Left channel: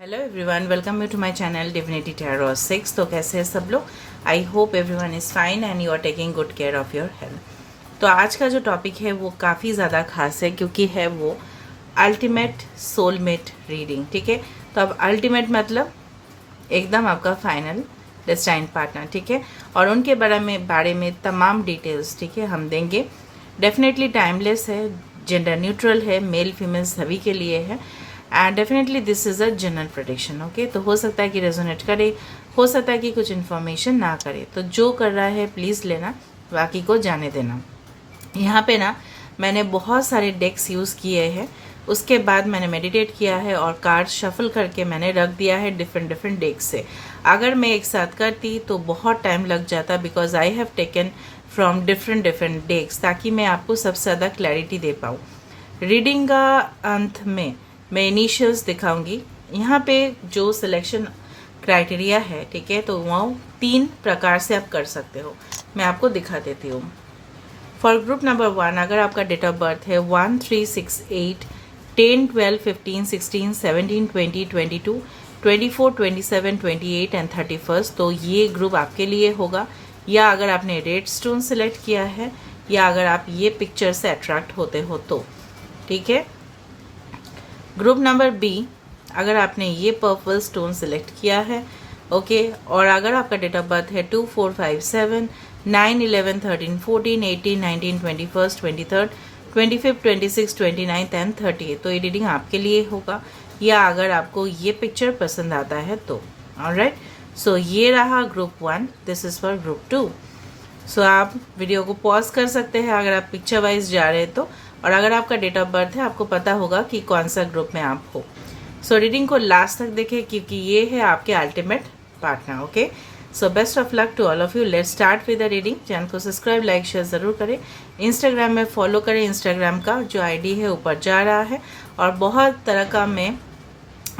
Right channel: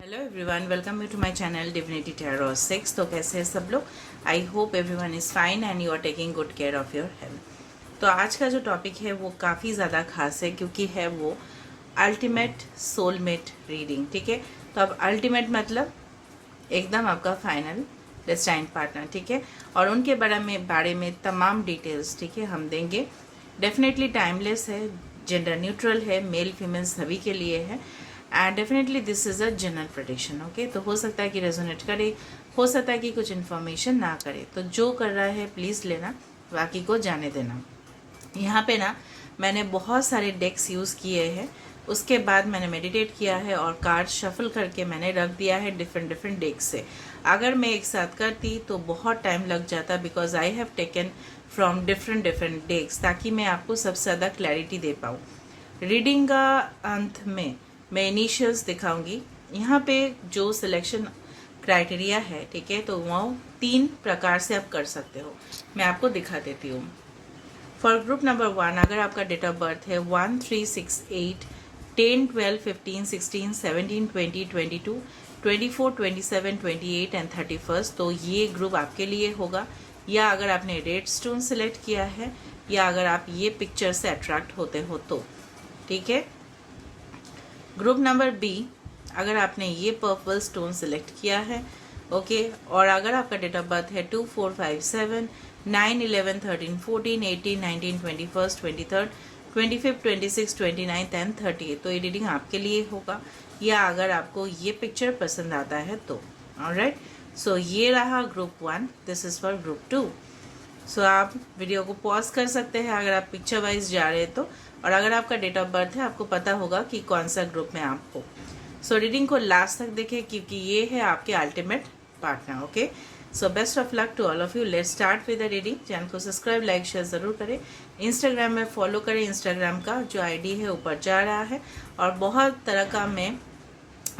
Hello everyone, welcome you to my channel divinity tarot 6। तो कैसे हैं सब लोग? I hope everyone is fine and you are taking good care of your health. तो आज का जो टॉपिक है वो काफ़ी ज़्यादा खास है क्योंकि है वो अल्टीमेट सोलमेट रीडिंग। ठीक है, तो अब अल्टीमेट मतलब एकदम आपका फाइनल डेस्टाइन पार्टनर। ठीक है, और उनके बारे में तमाम डिटेल्स ठीक है हम देंगे। डेफिनेटली टाइमलेस है, जेंडर न्यूट्रल है, मेल फीमेल सभी के लिए है and definitely this is a general prediction. Okay, तो हो सकता है कि रेजोनेट करे, हो सकता है कि कुछ इन्फॉर्मेशन ना करे, तो जो कर रहा है प्लीज़ लेना, बाकी को जाने देना। यहाँ पे ना मैंने बहुत सारे डेक्स यूज़ किए हैं, उसके बाद मैंने मेडिटेट किया है और कार्ड शफल करके मैंने रख दिया है डिफरेंट डेक्स से। अगर मैं एक साथ करती तो बहुत टाइम लग जाता because I have taken from different decks, ताकि मैं आपको सबसे ज़्यादा क्लैरिटी दे पाऊँ। रीडिंग का अंत में मैं इनिशियल्स दिखाऊंगी। यहाँ पे जो सिलेक्शन क्राइटेरिया है ठीक है, तो वो 3 प्रकार से आप कर सकते हो, मैं आपको दिखा देती हूँ। फॉर ग्रुप नंबर 1, अगर आपका डेट ऑफ बर्थ है 1, 3, 6, 8, 10, 12, 15, 16, 17, 20, 22, 24, 27, 28 एंड 31, तो ये ग्रुप आपके लिए होगा। या अगर आपने रेड स्टोन सिलेक्ट किया है या अगर आप ये पिक्चर से अट्रैक्ट होते हो तो ठीक है। ग्रुप नंबर बी, अगर आपने ये पर्पल स्टोन सिलेक्ट किया है ओके, और अगर आपका डेट ऑफ बर्थ है 2, 4, 5, 7, 9, 11, 13, 14, 18, 19, 21, 23, 25, 26, 29 एंड 30, तो ये रीडिंग आपके लिए होगा। या अगर आपको ये पिक्चर पसंद आता है तो ऑलराइट। सो ये रहा group 1, this is for group 2। सो आप वीडियो को पॉज कर सकते हैं अगर आप पिक्चर वाइज जा रहे हैं तो, और अगर आपका डेट ऑफ बर्थ है आपको पता होगा कि कौन सा ग्रुप में आप हो। सो रीडिंग को लास्ट तक देखें क्योंकि ये है आपके ultimate partner. Okay, so best of luck to all of you. Let's start with the reading. Channel को सब्सक्राइब लाइक शेयर जरूर करें, इंस्टाग्राम में फॉलो करें, इंस्टाग्राम का जो आईडी है ऊपर जा रहा है, और बहुत तरह का मैं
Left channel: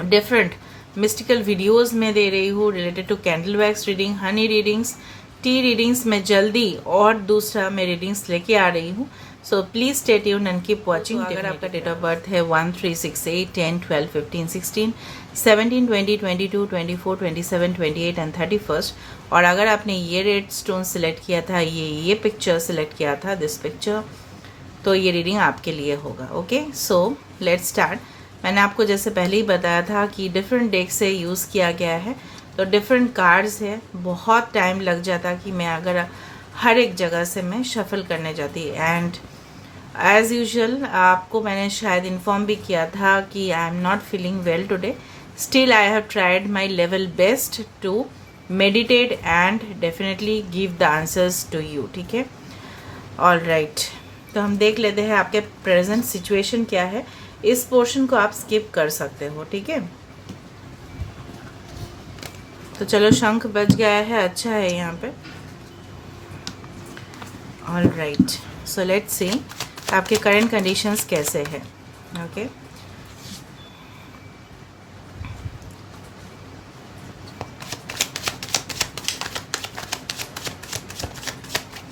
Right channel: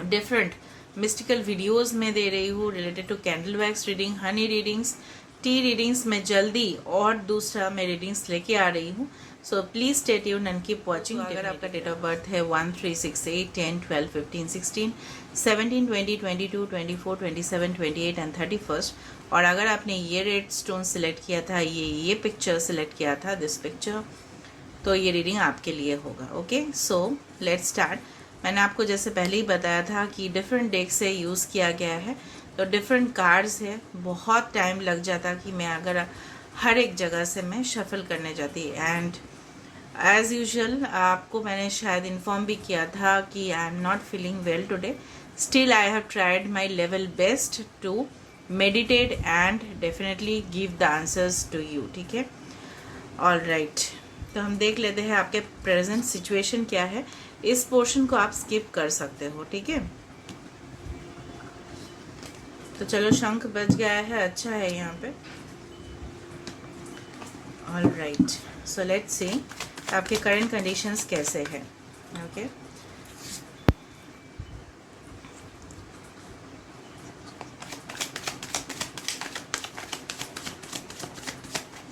डिफरेंट मिस्टिकल वीडियोस में दे रही हूँ related to candle wax reading, honey readings, tea readings में जल्दी और दूसरा मैं रीडिंग्स लेके आ रही हूँ। So please stay tuned and keep watching. अगर आपका डेट ऑफ बर्थ है 1, 3, 6, 8, 10, 12, 15, 16, 17, 20, 22, 24, 27, 28 एंड 31, और अगर आपने ये रेड स्टोन सिलेक्ट किया था, ये पिक्चर सिलेक्ट किया था, दिस पिक्चर, तो ये रीडिंग आपके लिए होगा। Okay, so let's start. मैंने आपको जैसे पहले ही बताया था कि डिफरेंट डेक से यूज़ किया गया है, तो डिफरेंट कार्ड्स है, बहुत टाइम लग जाता कि मैं अगर हर एक जगह से मैं शफल करने जाती। एंड एज यूजुअल आपको मैंने शायद इन्फॉर्म भी किया था कि I am not feeling well today, still I have tried my level best to meditate and definitely give the answers to you. ठीक है, ऑल राइट। तो हम देख लेते हैं आपके प्रेजेंट सिचुएशन क्या है। इस पोर्शन को आप स्किप कर सकते हो। ठीक है, तो चलो शंख बज गया है, अच्छा है यहाँ पे। All right, so let's see आपके करंट कंडीशंस कैसे हैं। ओके,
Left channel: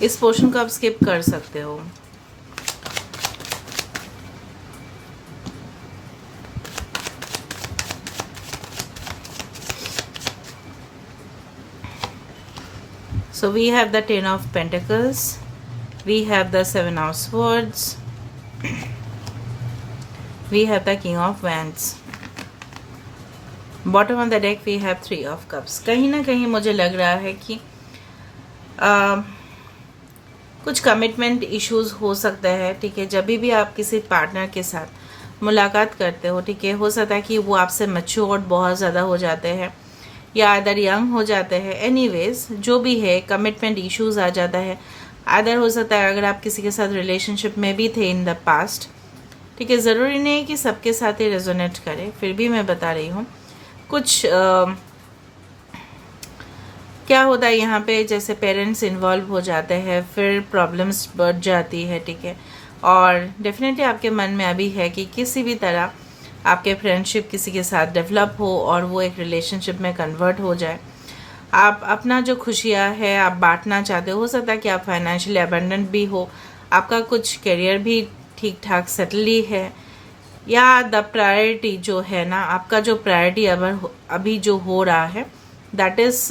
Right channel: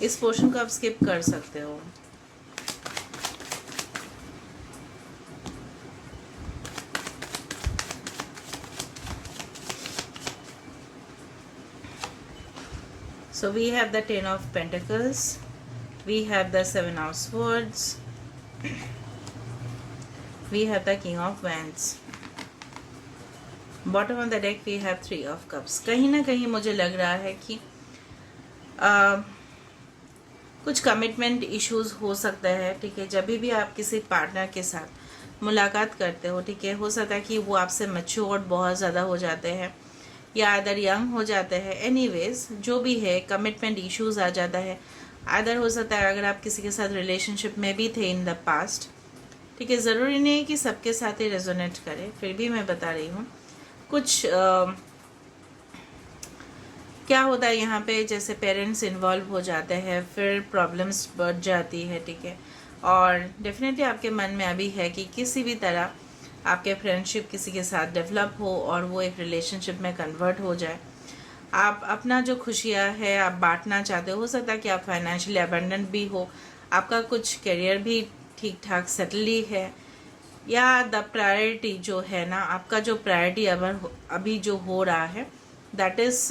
इस पोर्शन को आप स्किप कर सकते हो। So we have the 10 of Pentacles, we have the 7 of Swords, we have the King of Wands. Bottom of the deck we have 3 of Cups. कहीं ना कहीं मुझे लग रहा है कि कुछ कमिटमेंट इश्यूज हो सकता है। ठीक है, जब भी आप किसी पार्टनर के साथ मुलाकात करते हो, ठीक है, हो सकता है कि वो आपसे मैच्योर्ड बहुत ज़्यादा हो जाते हैं या अदर यंग हो जाते हैं। एनीवेज जो भी है, कमिटमेंट इश्यूज आ जाता है। अदर हो सकता है अगर आप किसी के साथ रिलेशनशिप में भी थे इन द पास्ट। ठीक है, ज़रूरी नहीं कि सबके साथ ही रेजोनेट करे, फिर भी मैं बता रही हूँ कुछ क्या होता है यहाँ पे, जैसे पेरेंट्स इन्वॉल्व हो जाते हैं, फिर प्रॉब्लम्स बढ़ जाती है। ठीक है, और डेफिनेटली आपके मन में अभी है कि किसी भी तरह आपके फ्रेंडशिप किसी के साथ डेवलप हो और वो एक रिलेशनशिप में कन्वर्ट हो जाए। आप अपना जो खुशियाँ है आप बांटना चाहते हो सकता है कि आप फाइनेंशियली अबंडेंट भी हो, आपका कुछ करियर भी ठीक ठाक सेटल ही है, या द प्रायोरिटी जो है ना, आपका जो प्रायोरिटी अभी जो हो रहा है, that is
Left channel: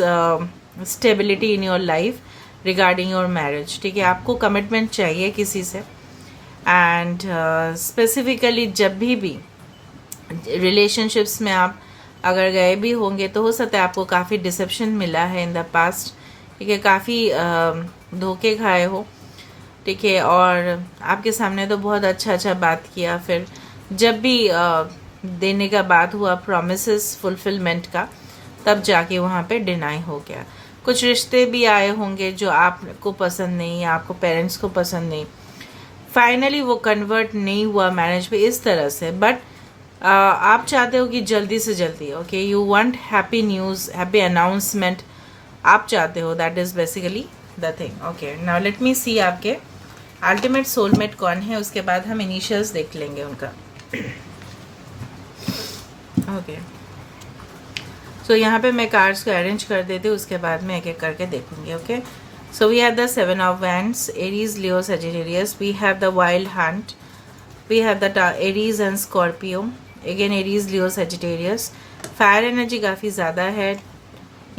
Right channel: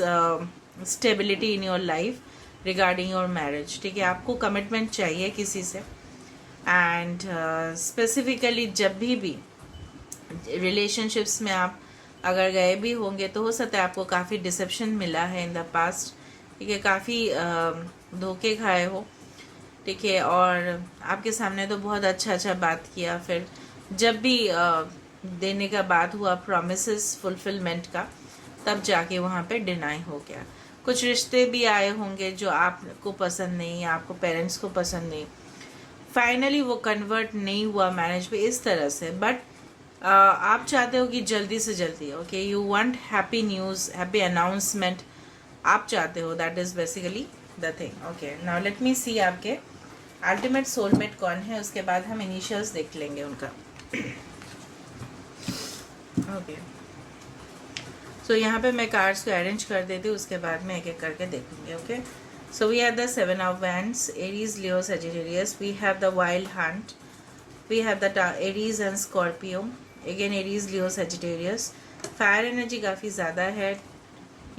stability in your life regarding your marriage. ठीक है, आपको कमिटमेंट चाहिए किसी से। एंड स्पेसिफिकली जब भी रिलेशनशिप्स में आप अगर गए भी होंगे तो हो सकता है आपको काफ़ी डिसेप्शन मिला है इन द पास्ट। ठीक है, काफ़ी धोखे खाए हो। ठीक है, और आपके सामने तो बहुत अच्छा बात किया, फिर जब भी देने का बात हुआ प्रॉमिसेस फुलफिलमेंट का, तब जाके वहाँ पे डिनाई हो गया। कुछ रिश्ते भी आए होंगे जो आपको पसंद नहीं या आपको पेरेंट्स को पसंद नहीं, फाइनली वो कन्वर्ट नहीं हुआ मैरिज पे इस तरह से। बट आप चाहते हो कि जल्दी से जल्दी, okay, you want happy news, happy announcement आप चाहते हो। That is basically the thing. Okay, now let me see आपके अल्टीमेट सोलमेट कौन है, उसके बाद हम इनिशियल्स देख लेंगे उनका। ओके, सो यहाँ पे मैं कार्ड्स को अरेंज कर देती हूँ, उसके बाद में एक एक करके देखूंगी। Okay, so we have the 7 of Wands, Aries, Leo, Sagittarius. We have the Wild Hunt. We have the Aries and Scorpio. Again Aries, Leo, Sagittarius. Fire energy काफ़ी ज़्यादा है।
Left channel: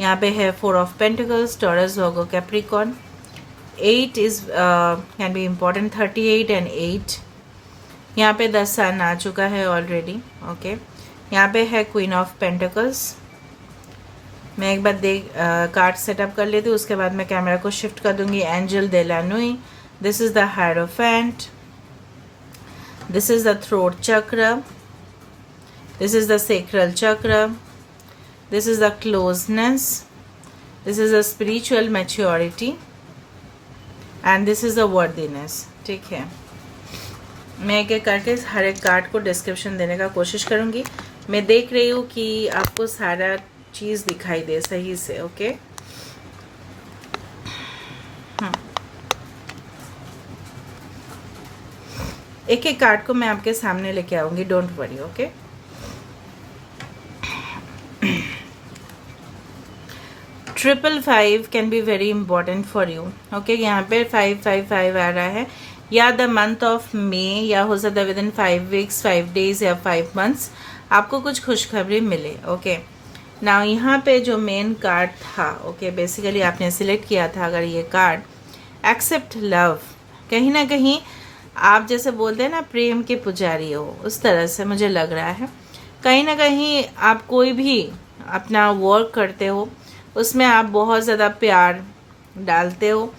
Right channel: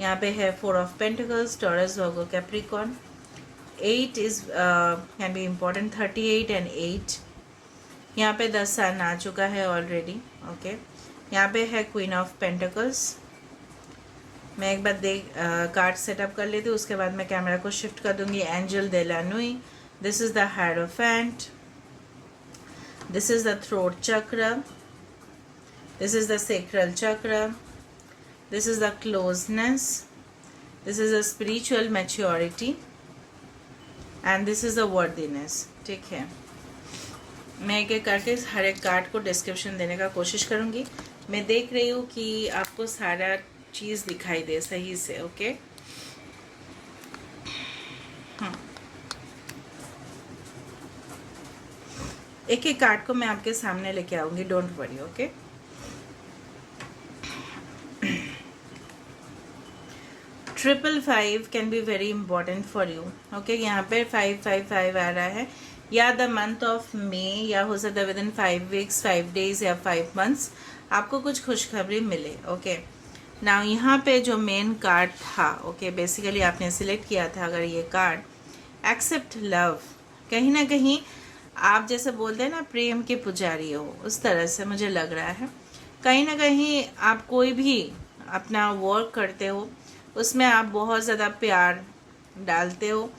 यहाँ पे है 4 of Pentacles, Taurus, Virgo, Capricorn. 8 is can be important, 38 and 8. यहाँ पे 10 सन आ चुका है ऑलरेडी। ओके, यहाँ पे है क्वीन ऑफ पेंटिकल्स। मैं एक बार कार्ड सेटअप कर लेती हूँ, उसके बाद मैं कैमरा को शिफ्ट कर दूंगी। Angel de la Nuit, this is the hierophant, this is the throat chakra, this is the sacral chakra, this is the closeness, this is the spiritual maturity and this is the worthiness. ठीक है, मैं एक एक करके हर एक card को description देने का कोशिश करूंगी। मैं देख रही हूँ कि आपको सारा चीज़ दिखाई दे सही से। ओके, हाँ, एक एक कार्ड को मैं आपके सामने लेके आऊंगी, don't worry. Okay, triple 5 can be very important for you. Okay, यहाँ पे 555 आ रहा है, या द मंथ ऑफ मे, या हो सकता है विद इन 5 वीक्स, 5 डेज या 5 मंथ्स आपको कुछ खुशखबरी मिले। ओके, ना यहाँ पे जो मेन कार्ड था, ओके, बेसिकली आपने सिलेक्ट किया था अगर ये कार्ड, एक्सेप्ट लव। कहीं ना कहीं आप जैसे बोलते हैं ना प्रेम के पुजारी हो, उस तरह से मुझे लग रहा है। कहीं ना कहीं आप कोई भी अपना वर्क करते हो उसमें आप बहुत ज़्यादा प्यार डालते हो।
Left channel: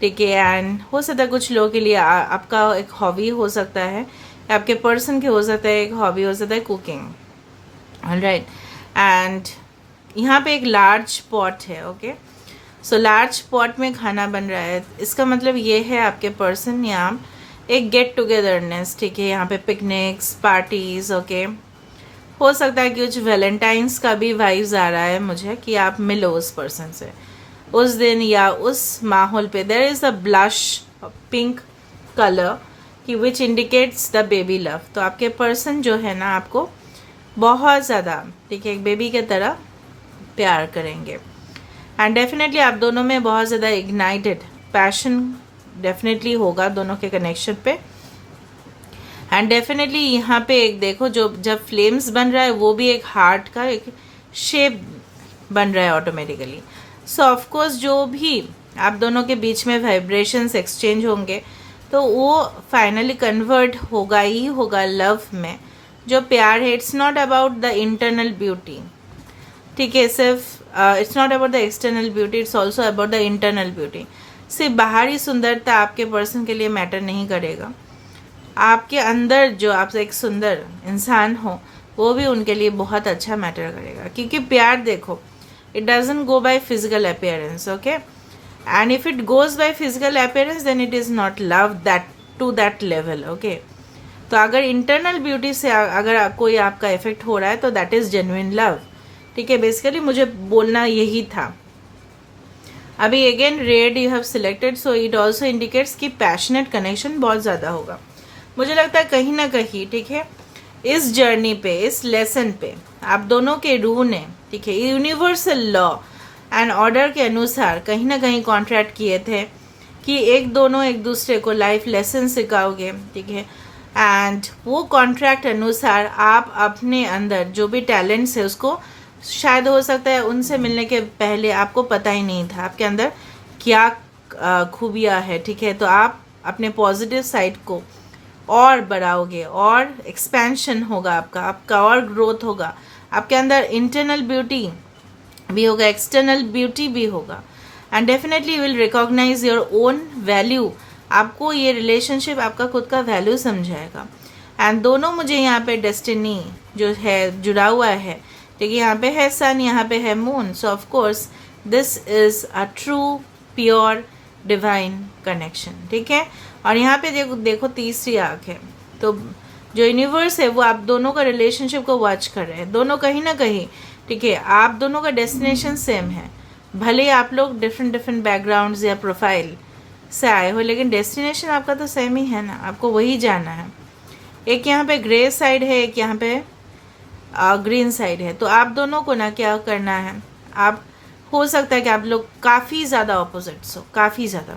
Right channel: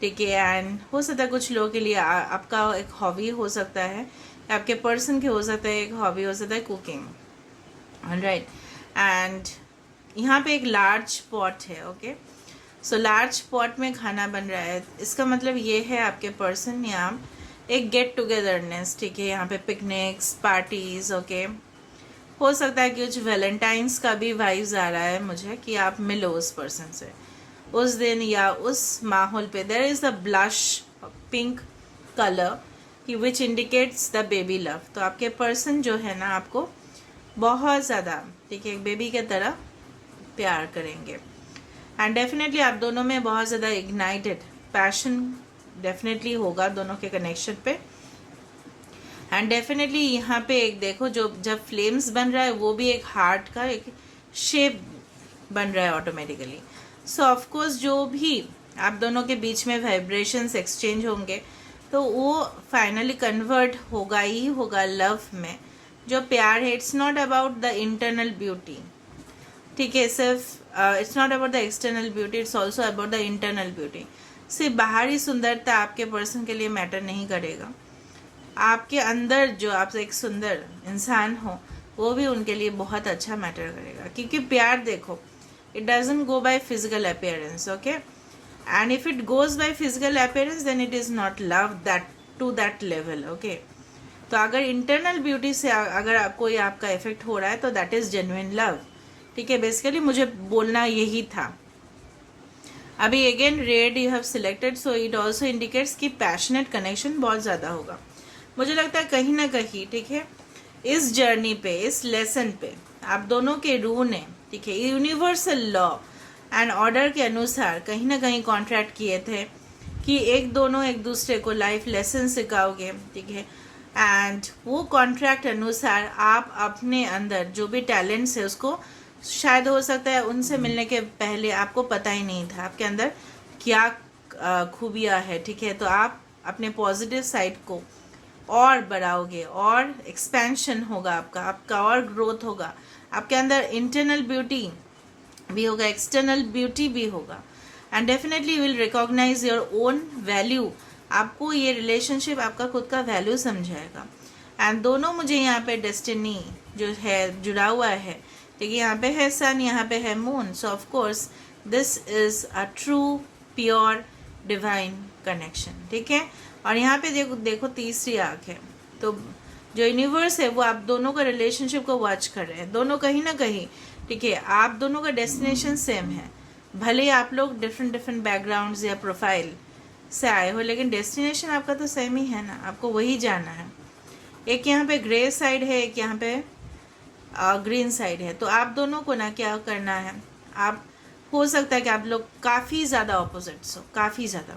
ठीक है, एंड हो सकता है कुछ लोगों के लिए आपका एक हॉबी हो सकता है, आपके पर्सन के हो सकता है एक हॉबी हो सकता है कुकिंग। ऑलराइट, एंड यहाँ पे एक लार्ज पॉट है। ओके, सो लार्ज पॉट में खाना बन रहा है, इसका मतलब ये है आपके पर्सन यहाँ एक गेट टुगेदरनेस। ठीक है, यहाँ पे पिकनिक्स, पार्टीज। ओके, हो सकता है कि कुछ वैलेंटाइंस का भी वाइब्स आ रहा है मुझे कि आप मिलो उस पर्सन से उस दिन या उस माहौल पे। There is a blush pink colour कि which indicates the baby love. तो आपके पर्सन जो है ना आपको बहुत ज़्यादा, ठीक है, एक बेबी के तरह प्यार करेंगे। एंड डेफिनेटली आप दोनों में बहुत ज़्यादा इग्नाइटेड पैशन डेफिनेटली होगा दोनों के कनेक्शन पे। एंड डेफिनेटली यहाँ पे एक देखो, जो जब फ्लेम्स बन रहा है वो भी एक हार्ट का एक शेप बन रहा है ऑटोमेटिकली। सो ऑफकोर्स जो भी आप दोनों के बीच में वाइब्रेशंस एक्सचेंज होंगे तो वो फाइनली कन्वर्ट होगा ही होगा लव में। जो प्यार है, it's not about the internal beauty. ठीक है, सिर्फ it's not about the external beauty, it's also about the internal beauty. सिर्फ बाहरी सुंदरता आपके पर्सन के लिए मैटर नहीं करेगा, आपके अंदर जो आपसे एक सुंदर इंसान हो वो भी उनके लिए बहुत अच्छा मैटर करेगा। क्योंकि प्यार देखो, it doesn't go by physical appearance. Okay, and if it goes by physical appearance then it is not love that to that level. Okay, तो अगर इंटरनल ब्यूटी से अगर कोई आपका इफेक्ट हो रहा है तो दैट इज जेन्युइन लव। ठीक है, बेसिकली मुझे बोलना यही था। अभी again red you have selected, so it also indicates कि पैशनेट कनेक्शन बहुत ज़्यादा होगा। मुझे लगता है कहीं ना कहीं, ठीक है, इस जर्नी पे, इस लेसन पे आप दोनों के रूह ने, ठीक है, यूनिवर्सल लॉ एंड ऑर्डर के अनुसार कहीं ना कहीं कॉन्ट्रैक्ट किए थे कि दोनों एक दूसरे को लाइफ लेसन सिखाओगे। ठीक है, एंड वो कॉन्ट्रैक्ट अनुसार आप अपने अंदर जो भी टैलेंट्स है उसको, शायद हो सकता है उनसे मिलने के पहले आपको पता ही नहीं था आपके अंदर क्या खूबियाँ है, ठीक है। तो आप अपने पॉजिटिव साइड को और बढ़ाओगे और एक्सपेंशन होगा आपका और ग्रोथ होगा, आपके अंदर इंटरनल ब्यूटी भी होगा, एक्सटर्नल ब्यूटी भी होगा, and definitely will recognise your own value. आपको ये रिलेशनशिप आपका खुद का वैल्यू समझाएगा। एंड दोनों मुझे यहाँ पे डेस्टिनी जो है जुड़ा हुआ है, देखिए यहाँ पे है सन, यहाँ पे है moon, so of course this is a true pure divine connection, ठीक है। और यहाँ पे देखो तीसरी आँख है, तो जो यूनिवर्स है वो आप दोनों का रिलेशनशिप को वॉच कर रहे हैं, दोनों कहीं ना कहीं, ठीक है। आप दोनों का डेस्टिनेशन सेम है, भले ही आप लोग डिफरेंट बैकग्राउंड्स या प्रोफाइल से आए हो, लेकिन डेस्टिनेशन आपका तो सेम ही है ना, आपको वही जाना है। एक यहाँ पे ग्रे साइड है, एक यहाँ पे ग्रीन साइड है, तो आप दोनों को ना क्या करना है, आप हो सकता है कि आप लोग काफ़ी ज़्यादा ऑपोजिट्स हो, काफ़ी ज़्यादा,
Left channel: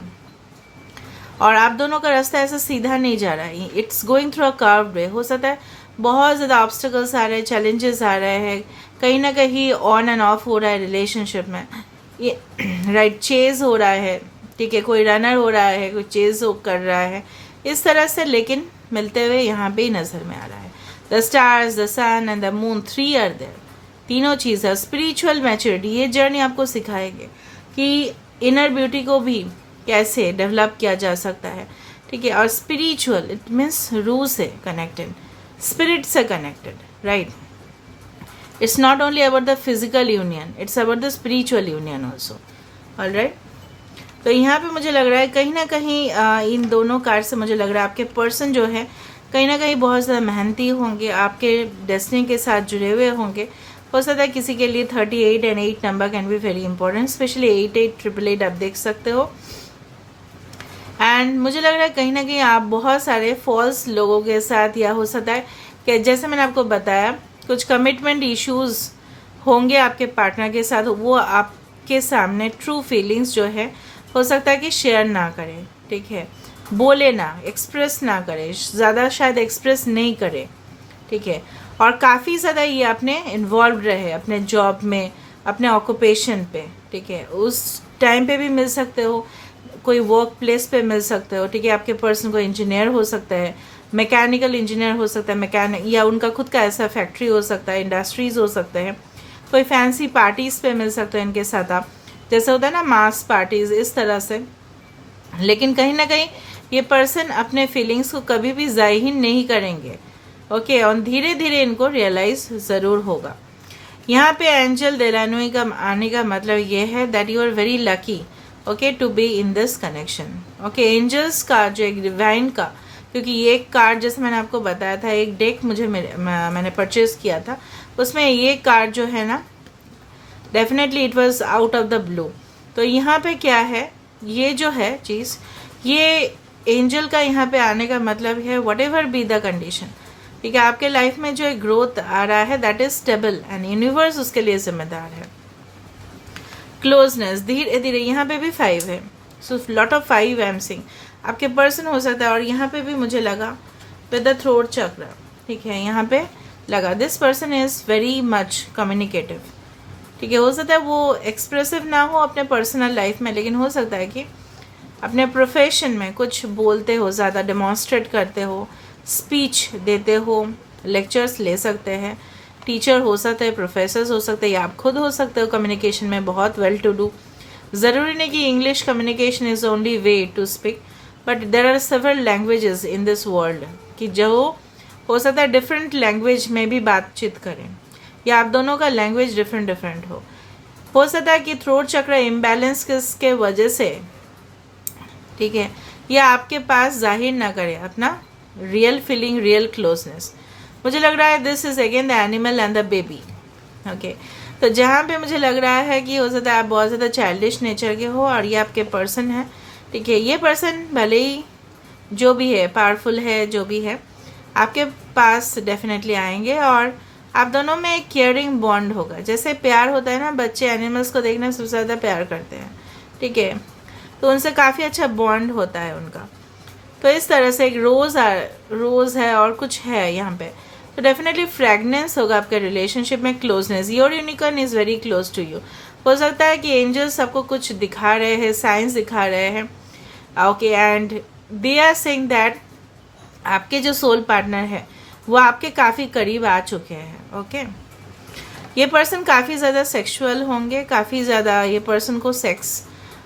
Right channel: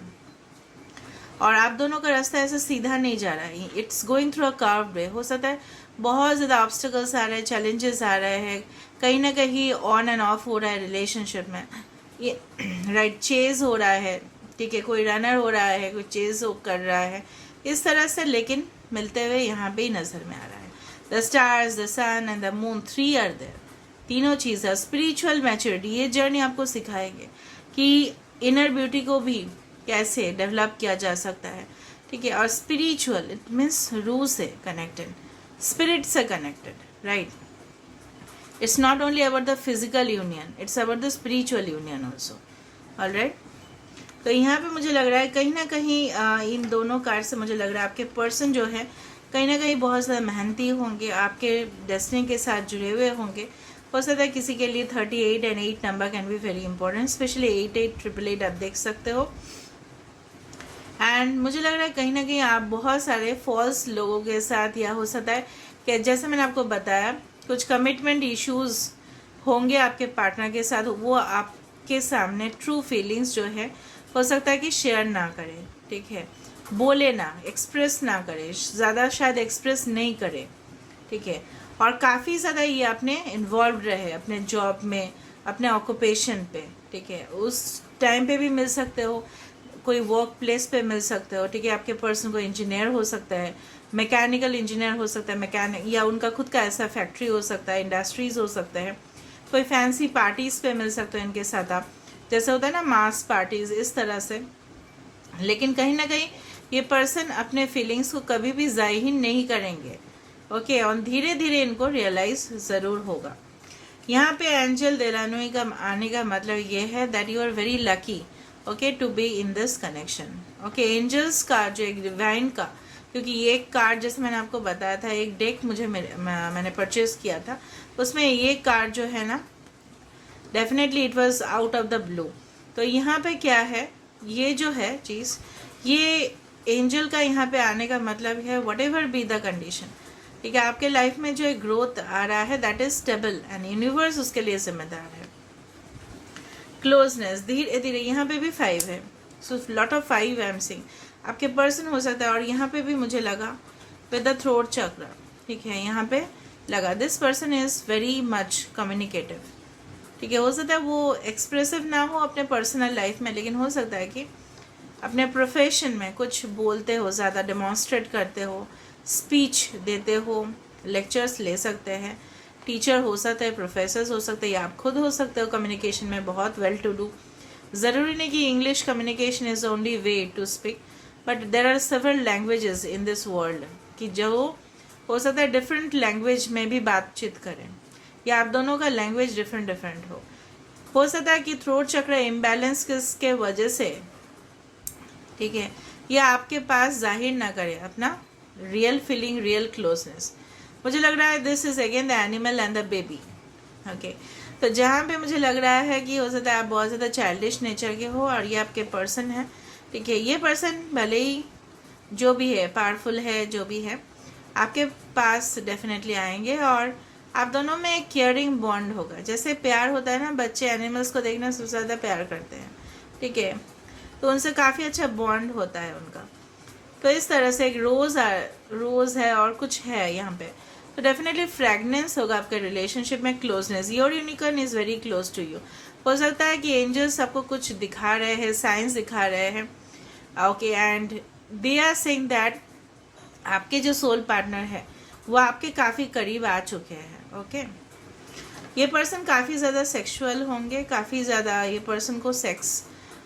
और आप दोनों का रास्ता ऐसा सीधा नहीं जा रहा है, it's going through a curved way. हो सकता है बहुत ज़्यादा ऑब्स्टिकल्स आ रहे हैं, चैलेंजेस आ रहे हैं, कहीं ना कहीं ऑन एंड ऑफ हो रहा है रिलेशनशिप में, ये राइट चेज हो रहा है, ठीक है, कोई रनर हो रहा है, कोई चेज कर रहा है इस तरह से, लेकिन मिलते हुए यहाँ पे ही नज़र में आ रहा है। The stars, the sun and the moon, 3 are there, तीनों चीज़। स्पिरिचुअल मैच्योरिटी, ये जर्नी आपको सिखाएगी कि इनर ब्यूटी को भी कैसे डेवलप किया जा सकता है, ठीक है। और स्पिरिचुअल इट मीन्स रूह से कनेक्टेड, स्पिरिट से connected, right. It's not only about the physical union, it's about the spiritual union also, alright. तो यहाँ पे मुझे लग रहा है कहीं ना कहीं इन दोनों कार्ड से मुझे लग रहा है आपके पर्सन जो है कहीं ना कहीं बहुत ज़्यादा मेहनती होंगे, आपके डेस्टिनी के साथ जुड़े हुए होंगे। हो सकता है किसी के लिए 38 and 8 number can be very important, specially 8888 आप देख सकते हो। एंड मुझे लग रहा है कहीं ना कहीं आप बहुत सारे फॉल्स लोगों के साथ, या हो सकता है कि जैसे मैंने आपको बताया कुछ कमिटमेंट इश्यूज होंगे आपके पार्टनर के साथ, वो आपके सामने ट्रू फीलिंग्स जो है हो सकता है कि शेयर ना करें, ठीक है, बोले ना, एक्सप्रेस ना करें, ज़्यादा शायद एक्सप्रेस नहीं करें, ठीक है। और काफ़ी ज़्यादा ये अपने इन्वॉल्व रहे अपने जॉब में, अपने ऑक्यूपेशन पे, ठीक है, उस टाइम पे भी मिल सकते हो, कोई वर्क प्लेस पे मिल सकते हो, ठीक है। आपके पर्सन को इंजीनियर हो सकता है, मैकेनिकल इंजीनियर हो सकता है, मैकेनिक, या उनका खुद का ऐसा फैक्ट्री हो सकता है, इंडस्ट्रीज हो सकते हैं, कोई फैंसी पार्टीज़ पे मिल सकते हो इनके साथ आप, जैसे होता है ना मास पार्टीज, इस तरह से। लेकिन कहीं ना कहीं ये पर्सन अपने फीलिंग्स को कभी भी जाहिर नहीं करेंगे, ओके। और धीरे धीरे इनको रियलाइज ज़रूर होगा। यहाँ पे एंजल डेलानोई का आने का मतलब ये है that you are very lucky, okay, to be in this connection, okay. Angels का जो एक डिवाइन का, क्योंकि ये एक कार्ड जैसे मैंने आपको बताया था, एक डेक मुझे मैंने परचेज किया था, उसमें ये कार्ड जो है ना definitely it was out of the blue. तो यहाँ पे क्या है, ये जो है चीज़, ये एंजल का यहाँ पे आने का मतलब है what ever be the condition, ठीक है, आपके लाइफ में जो एक ग्रोथ आ रहा है that is stable and universe उसके लिए जिम्मेदार है। क्लोजनेस, धीरे धीरे, यहाँ पे भी 5 है, so lot of 5 I am seeing, आपके पर्सन हो सकता है। और यहाँ पे भी मुझे लगा विद द थ्रोट चक्र, ठीक है, यहाँ पे लगा this person is very much communicative, ठीक है। हो सकता है वो एक्सप्रेसिव ना हो अपने पर्सनल लाइफ में, लेकिन हो सकता है कि अपने प्रोफेशन में कुछ बोलते हो, ज़्यादा डेमॉन्स्ट्रेट करते हो, स्पीच देते हो, लेक्चर्स ले सकते हैं, टीचर हो सकते हैं, प्रोफेसर्स हो सकते हैं, या आप खुद हो सकते हो कम्युनिकेशन में बहुत वेल टू डू। ज़रूरी नहीं कि English communication is only way to speak, but there are several languages in this world, कि जो हो सकता है डिफरेंट लैंग्वेज में भी बातचीत करें, या आप दोनों का लैंग्वेज डिफरेंट हो सकता है कि थ्रोट चक्र इम्बैलेंस किसके वजह से, ठीक है, या आपके पास जाहिर ना करे अपना रियल फीलिंग, रियल क्लोजनेस। मुझे लग रहा है this is again the animal and the baby, okay. तो जहाँ पे मुझे लग रहा है कि हो सकता है आप बहुत ज़्यादा चाइल्डिश नेचर के हो और ये आपके पर्सन है, ठीक है। ये पर्सन भले ही जो भी है, पावरफुल है, जो भी है, आपके पास डेफिनेटली आएंगे और आप दोनों में एक केयरिंग बॉन्ड होगा। जैसे प्यार होता है ना, बच्चे एनिमल्स को देखना सबसे ज़्यादा प्यार करते हैं, ठीक है, तो उनसे काफ़ी अच्छा बॉन्ड होता है उनका। तो इस तरह से एक रोज़ है और कुछ है यहाँ पे, तो डेफिनेटली फ्रेगनेंस होगा आपके रिलेशनशिप में, closeness. Your unicorn is very close to you. हो सकता है कि एंजल्स आपको कुछ दिखा रहे हैं, साइंस दिखा रहे हैं, okay, and they are saying that आपके जो सोल पार्टनर है वो आपके काफ़ी करीब आ चुके हैं, ओके। ये पर्सन काफ़ी ज़्यादा सेक्सुअल होंगे, काफ़ी ज़्यादा ये पर्सन को सेक्स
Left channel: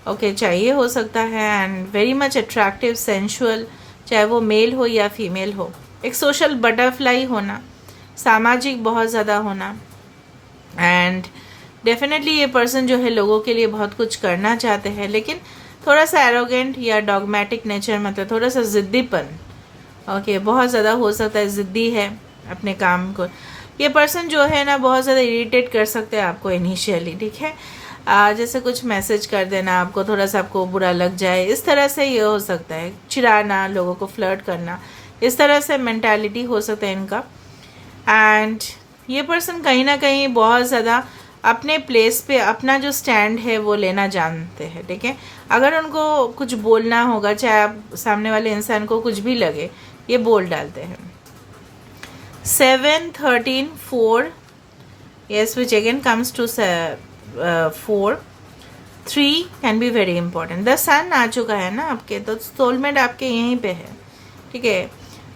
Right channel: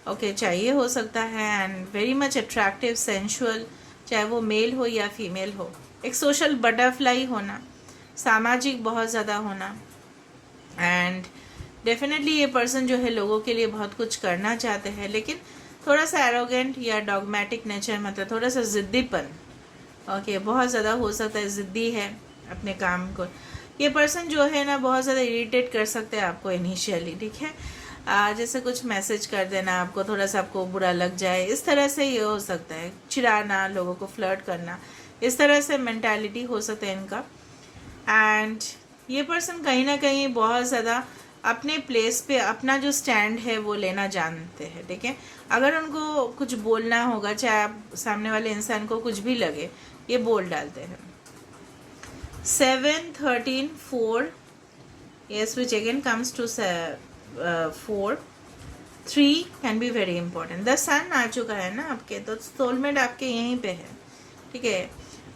चाहिए हो सकता है, and very much attractive, sensual, चाहे वो मेल हो या फीमेल हो। एक सोशल बटरफ्लाई होना, सामाजिक बहुत ज़्यादा होना, एंड डेफिनेटली ये पर्सन जो है लोगों के लिए बहुत कुछ करना चाहते हैं, लेकिन थोड़ा सा एरोगेंट या डॉगमेटिक नेचर, मतलब थोड़ा सा ज़िद्दीपन, ओके, बहुत ज़्यादा हो सकता है, ज़िद्दी है अपने काम को। ये पर्सन जो है ना बहुत ज़्यादा इरिटेट कर सकते हैं आपको इनिशियली, ठीक है, जैसे कुछ मैसेज कर देना आपको, थोड़ा सा आपको बुरा लग जाए, इस तरह से ये हो सकता है, चिढ़ाना, लोगों को फ्लर्ट करना, इस तरह से मेंटालिटी हो सकता है इनका। एंड ये पर्सन कहीं ना कहीं बहुत ज़्यादा अपने प्लेस पे अपना जो स्टैंड है वो लेना जानते हैं, ठीक है। अगर उनको कुछ बोलना होगा, चाहे आप सामने वाले इंसान को कुछ भी लगे, ये बोल डालते हैं। 7, 13, 4, yes, which again comes to 4, 3 can be very important. The sun आ चुका है ना आपके, तो सोलमेट आपके यहीं पे है, ठीक है।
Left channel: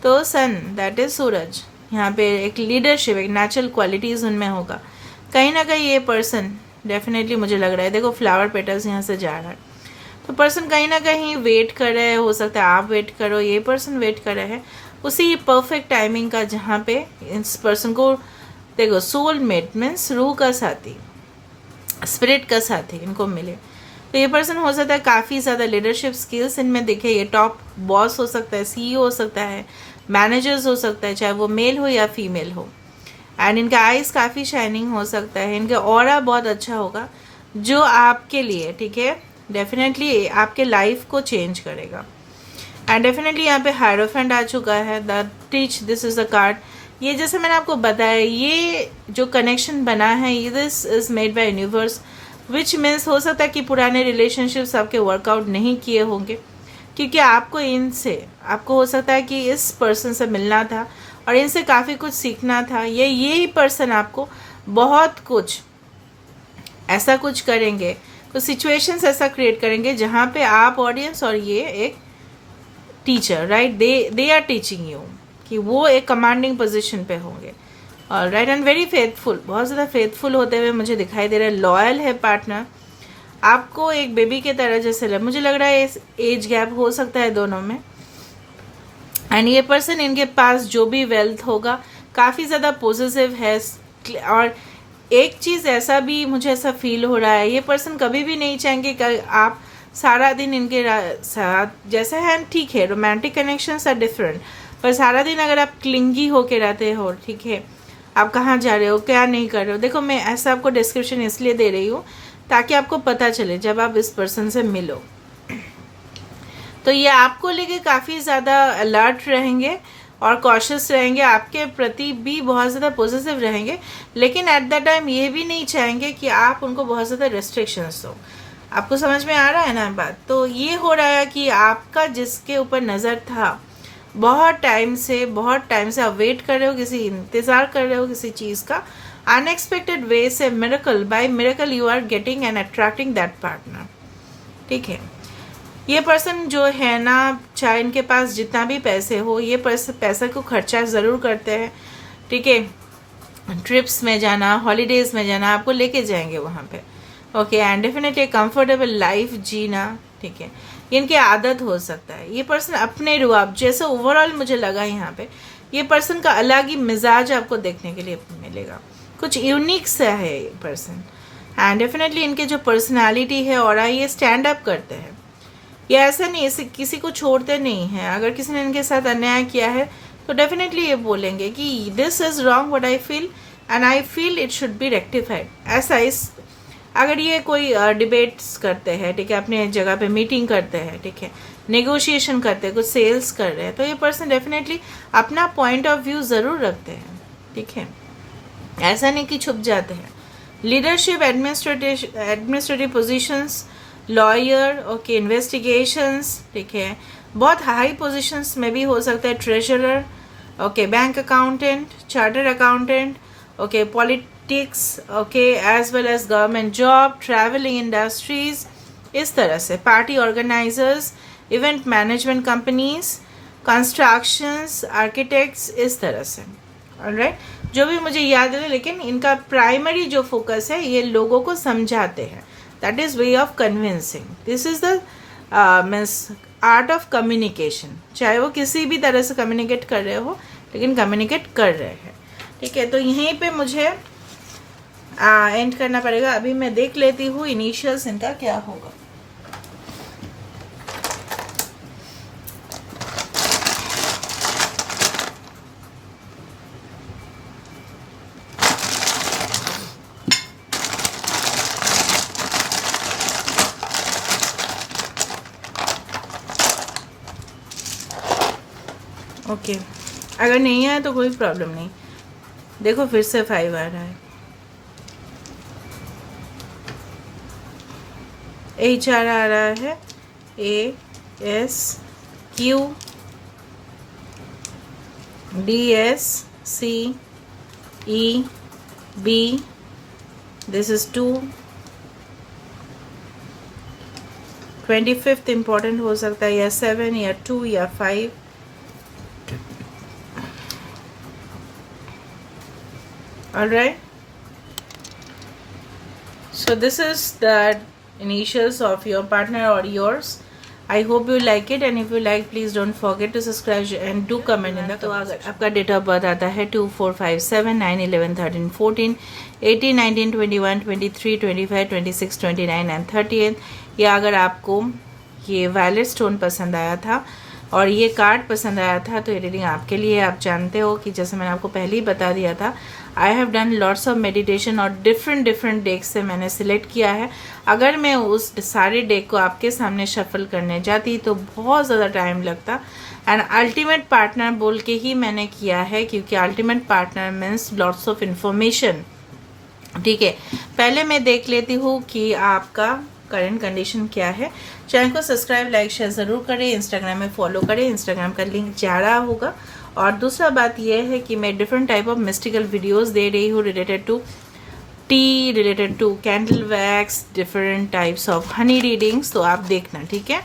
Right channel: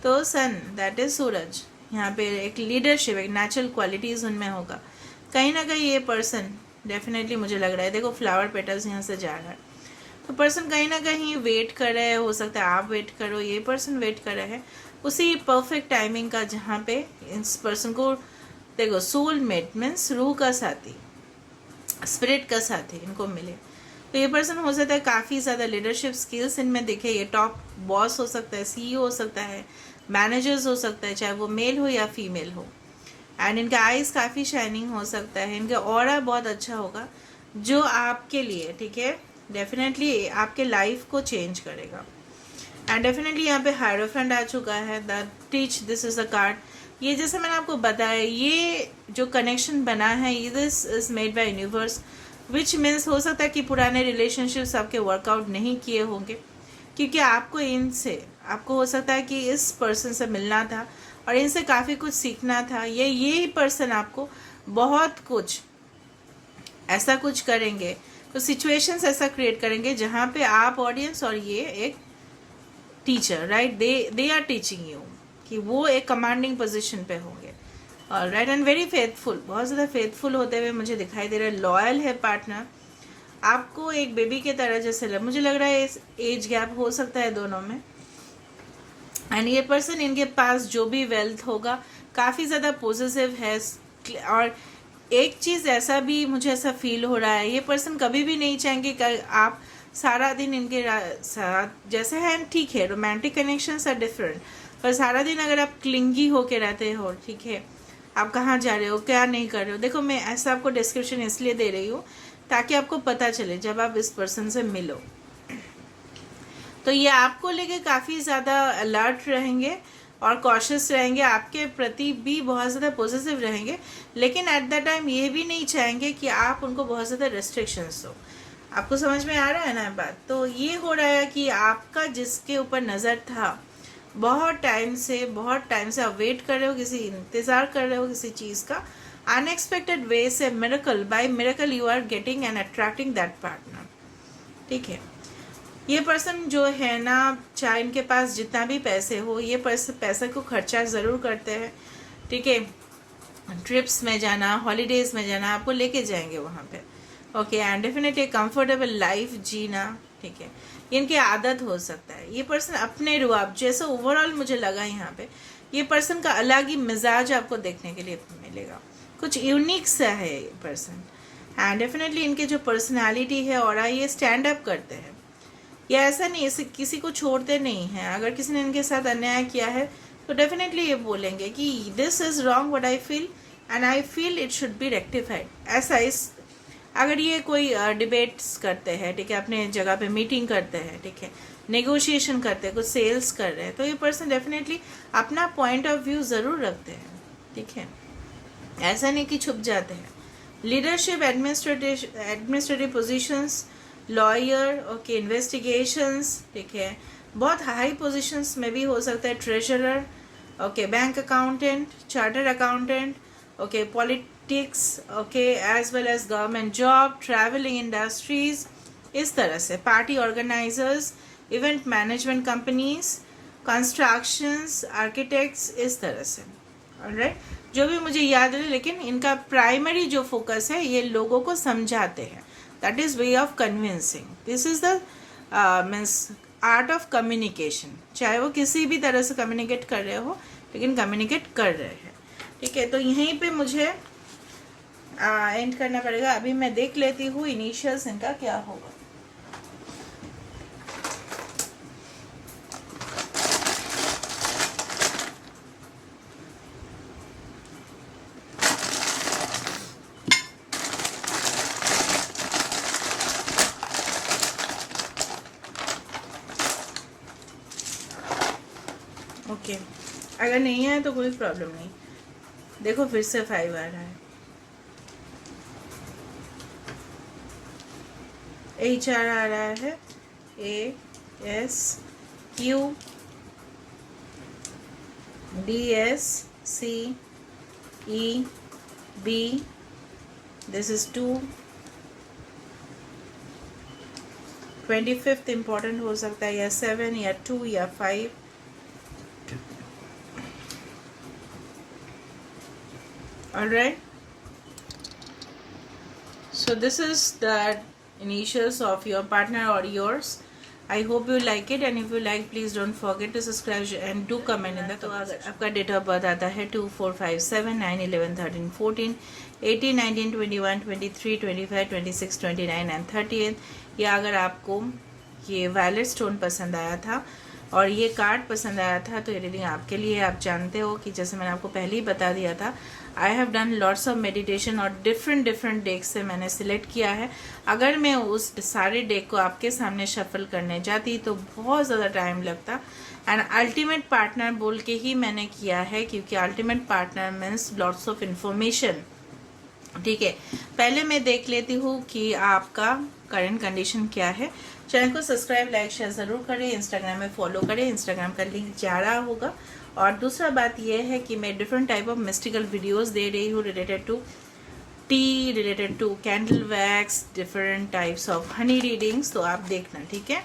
तो सन दैट इज सूरज, यहाँ पे एक लीडरशिप, एक नेचुरल क्वालिटीज उनमें होगा। कहीं ना कहीं ये पर्सन डेफिनेटली मुझे लग रहा है, देखो फ्लावर पेटल्स यहाँ से जा रहा है, तो पर्सन कहीं ना कहीं वेट कर रहे हैं, हो सकता है आप वेट करो, ये पर्सन वेट कर रहे हैं उसी परफेक्ट टाइमिंग का, जहाँ पे इस पर्सन को देखो सोलमेट मीन्स रूह का साथी, स्पिरिट का साथी इनको मिले। तो ये पर्सन हो सकता है काफ़ी ज़्यादा लीडरशिप स्किल्स इनमें दिखे, ये टॉप बॉस हो सकता है, सीईओ हो सकता है, मैनेजर्स हो सकता है, चाहे वो मेल हो या फीमेल हो, एंड इनका आइज़ काफ़ी शाइनिंग हो सकता है, इनका ऑरा बहुत अच्छा होगा जो आपके लिए, ठीक है, डेफिनेटली आपके लाइफ को चेंज करेगा। एंड डेफिनेटली यहाँ पे हायरोफेंट आ चुका है, the teach, this is the card. ये जैसे मैंने आपको बताया, ये जो कनेक्शन बना है, ये this is made by universe, which means हो सकता है कि पुराने रिलेशनशिप्स आपके वर्कआउट नहीं किए होंगे, क्योंकि आपको इनसे, आपको हो सकता है कि इस पर्सन से मिलना था और इनसे काफ़ी कुछ सीखना था। ये पर्सन आपको बहुत कुछ ऐसा कुछ करेंगे, कुछ सिचुएशंस ऐसा क्रिएट करेंगे जहाँ पे आप ऑडियंस और ये एक teacher, right, they are teaching you, कि वो एक कमांडिंग पोजीशन पे होंगे, और राइट, एंड वेरी फेथफुल, बहुत ज़्यादा फेथफुल होते हुए मुझे दिखाई दे रहा है। लॉयल है पार्टनर, आपको एक बेबी के तरह जैसे मुझे लग रहा है, एज गैप हो सकता है दोनों में। एंड ये पर्सन, इनके पास जो भी वेल्थ होगा काफ़ी ज़्यादा पॉजिटिव है, और एक चीज़ ऐसा भी मुझे ऐसा फील हो रहा है, ये पर्सन कभी भी नहीं चाहेंगे कि आप सारा दिन इनके साथ, जैसे हैं ठीक है, रोमांटिक कनेक्शंस आर डिफरेंट, पर सारा दिन अगर आप क्लिंगी होके रहते हो, ठीक है, आप कहाँ जा रहे हो, क्या नहीं कर रहे हो, देखो मैं ऐसा आपको डिस्क्रिप्शन इसलिए दे रही हूँ ताकि आपको पता चले जब आप इस पर्सन से मिलो, तो ये आपको लेके काफ़ी ज़्यादा अलर्ट रहेंगे और कॉशियस रहेंगे, आपके प्रति भी बहुत ज़्यादा पॉजिटिव रहेंगे, लेकिन एट द टाइम ये भी नहीं चाहेंगे कि आप उनको बहुत ज़्यादा रेस्ट्रिक्शंस दो। आपको समझ में आ रहा है ना बात? तो ये हो रहा है कि आपका जिसके ऊपर नज़र था बहुत टाइम से आप वेट कर रहे हो, किसी इंतज़ार कर रहे हो किसी चीज़ का, अनएक्सपेक्टेड वे से miracle by miracle you are getting and attracting that partner, ठीक है। ये पर्सन जो है ना, चाहे इनके पास जितना भी पैसे हो, ये पैसा को खर्चा ज़रूर करते हैं, ठीक है, ट्रिप्स में जाना, हॉलीडेज़ में जाना, आपको लेके जाएंगे वहाँ पे, okay, and definitely comfortable life जीना, ठीक है, इनकी आदत हो सकता है। ये पर्सन अपने रुआब, जैसे ओवरऑल मुझे लगा यहाँ पे ये पर्सन का अलग ही मिजाज आपको देखने के लिए मिलेगा, कुछ यूनिक सा है ये पर्सन, एंड डेफिनेटली इनके जो पर्सनैलिटी है और ये स्टैंड अप करते हैं, ये ऐसा नहीं, इसे किसी को छोड़ते नहीं हैं। अगर किसी ने इनके साथ अन्याय किया है तो डेफिनेटली ये बोलेंगे कि this is wrong what I feel and I feel it should be rectified. ऐसा इस अगर ये कोई डिबेट्स करते हैं, ठीक है, अपने जगह पे मीटिंग करते हैं, ठीक है, नेगोशिएशन करते हैं, कुछ सेल्स कर रहे हैं, तो ये पर्सन डेफिनेटली अपना पॉइंट ऑफ व्यू ज़रूर रखते हैं, ठीक है, ऐसा नहीं कि छुप जाते हैं। Leadership, administrative positions, lawyer, okay, investigations, ठीक है, बहुत हाई पोजीशंस में भी हो सकता है, treasurer, okay, bank accountant, chartered accountant, okay, politics, okay, as well as government job, travelling industries, इस तरह से, party organisers, event management companies, constructions, architects, इस तरह से। ऑलराइट, जो भी मुझे याद है, लेकिन इनका प्राइमरी जो फोकस है ये लोगों को समझाते हैं, that is way of convincing, this is the means art of communication, चाहे वो किसी भी तरह से कम्युनिकेट कर रहे हो, लेकिन कम्युनिकेट कर रहे हैं। ठीक है, तो यहीं पे मुझे एंड करना पड़ेगा। अभी मैं देख लेती हूँ इनिशियल्स इनका क्या होगा। ओके, अगर नहीं आया तो कोई प्रॉब्लम नहीं। देखो फिर से 5 आ रहा है। HR आ रहा है, ASQ, DSCEB, this is 2, 25th important हो सकता है, या 7 या 2 या 5। Alright, so this is the initials of your partner or yours. I hope you like it, and if you like, please don't forget to subscribe and do comment in the तो अगर आपका date of birth आता है 2, 4, 5, 7, 9, 11, 13, 14, 18, 19, 21, 23, 25, 26, 29 and 30, या अगर आपको ये violet stone पसंद आया था और ये कार्ड पसंद आया था, तो ये रीडिंग आपके लिए। आप जानते हो कि जैसे मैंने आपको पहले ही बता दिया था, I have done lots of meditation और डिफरेंट डेक से मैंने सिलेक्ट किया है। अगर मैं उस सारे डेक को आपके सामने शफल करने जाती तो बहुत ज़्यादा टाइम लगता, एंड अल्टीमेट पार्टनर बोल के ही मैंने किया है, क्योंकि ultimate partner means lots of information. ठीक है, पहले मैं देख लेती हूँ कि आपका करंट कंडीशन क्या है। चैनल को सब्सक्राइब, लाइक, शेयर ज़रूर करें, इंस्टाग्राम में फॉलो करें, इंस्टाग्राम का लिंक जा रहा होगा। और दूसरा बात यह है कि मैं different type of mystical videos दे रही हूँ related to tea, related to candle wax, different types of honey readings, तो आप देखना। ठीक है,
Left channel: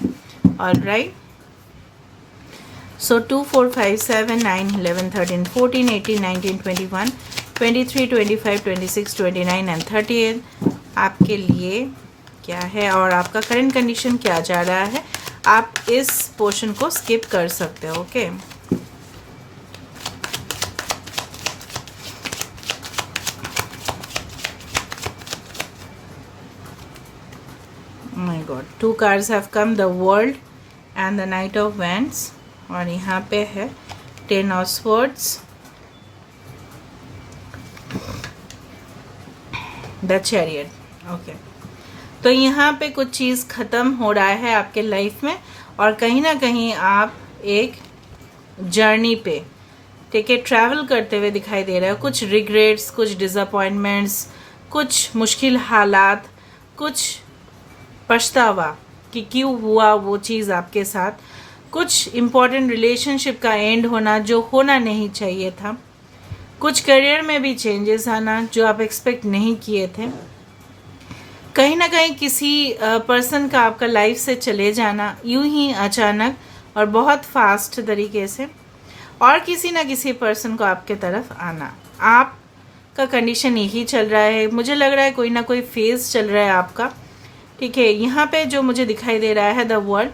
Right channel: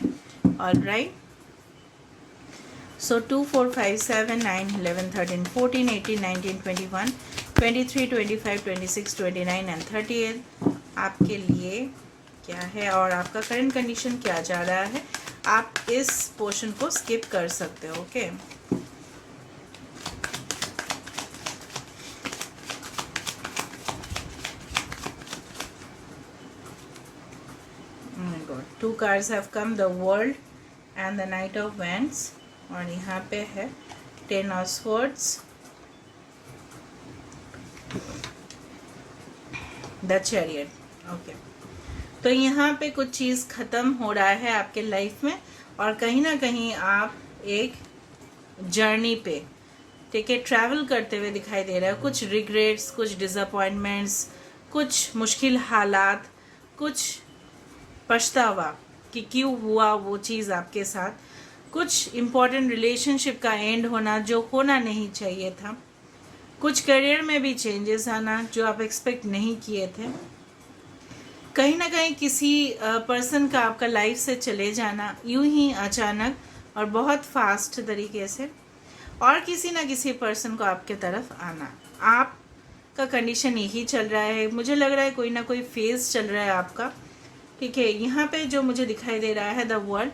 ऑलराइट, सो 2, 4, 5, 7, 9, 11, 13, 14, 18, 19, 21, 23, 25, 26, 29 एंड 30 आपके लिए क्या है और आपका करंट कंडीशन क्या जा रहा है। आप इस पोर्शन को स्किप कर सकते हो। Okay, my God, 2 cards have come, the world and the night of wands, और यहाँ पे है 10 of swords, the chariot. Okay, तो यहाँ पे कुछ चीज़ ख़त्म हो रहा है आपके लाइफ में, और कहीं ना कहीं आप एक जर्नी पे, ठीक है, ट्रैवल करते हुए दिखाई दे रहे हो। कुछ रिग्रेट्स, कुछ डिसअपॉइंटमेंट्स, कुछ मुश्किल हालात, कुछ पछतावा कि क्यों हुआ वो चीज़ आपके साथ, कुछ इम्पोर्टेंट रिलेशनशिप का एंड होना जो होना नहीं चाहिए था, कुछ करियर में भी चेंजेस आना जो आप एक्सपेक्ट नहीं किए थे, कहीं ना कहीं किसी पर्सन का आपका लाइफ से चले जाना यूं ही अचानक और बहुत फास्ट तरीके से, और किसी ना किसी पर्सन को आपके तरफ आना। आपका कंडीशन यही चल रहा है, मुझे लग रहा है कोई ना कोई फेज चल रहा है आपका। ठीक है, यहाँ पे जो मुझे दिखाई दे रहा है the world,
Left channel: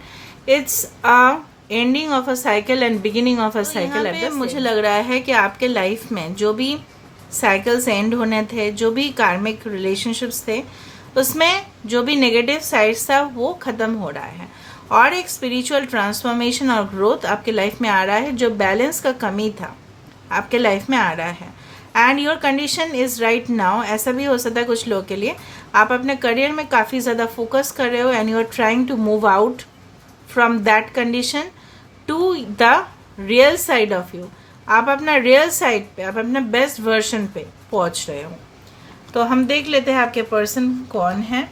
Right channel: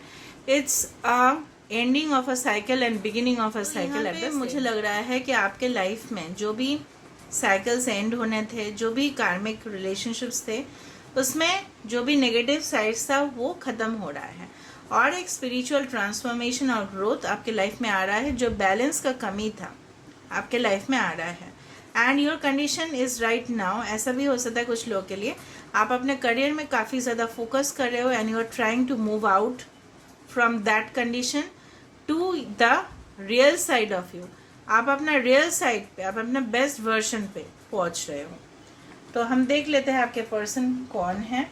it's a ending of a cycle and beginning of a cycle. मुझे लग रहा है कि आपके लाइफ में जो भी साइकिल्स एंड होने थे, जो भी कार्मिक रिलेशनशिप्स थे, उसमें जो भी नेगेटिव साइड्स था वो ख़त्म हो रहा है, और एक स्पिरिचुअल ट्रांसफॉर्मेशन और ग्रोथ आपके लाइफ में आ रहा है। जो बैलेंस का कमी था आपके लाइफ में आ रहा है, and your condition is right now. ऐसा भी हो सकता है कुछ लोगों के लिए, आप अपने करियर में काफ़ी ज़्यादा फोकस कर रहे हो, and you are trying to move out from that condition to the real side of you. आप अपना रियल साइड पे, आप अपने बेस्ट वर्जन पे पहुंच रहे हो। तो हम देख लेते हैं आपके पर्सन कौन है।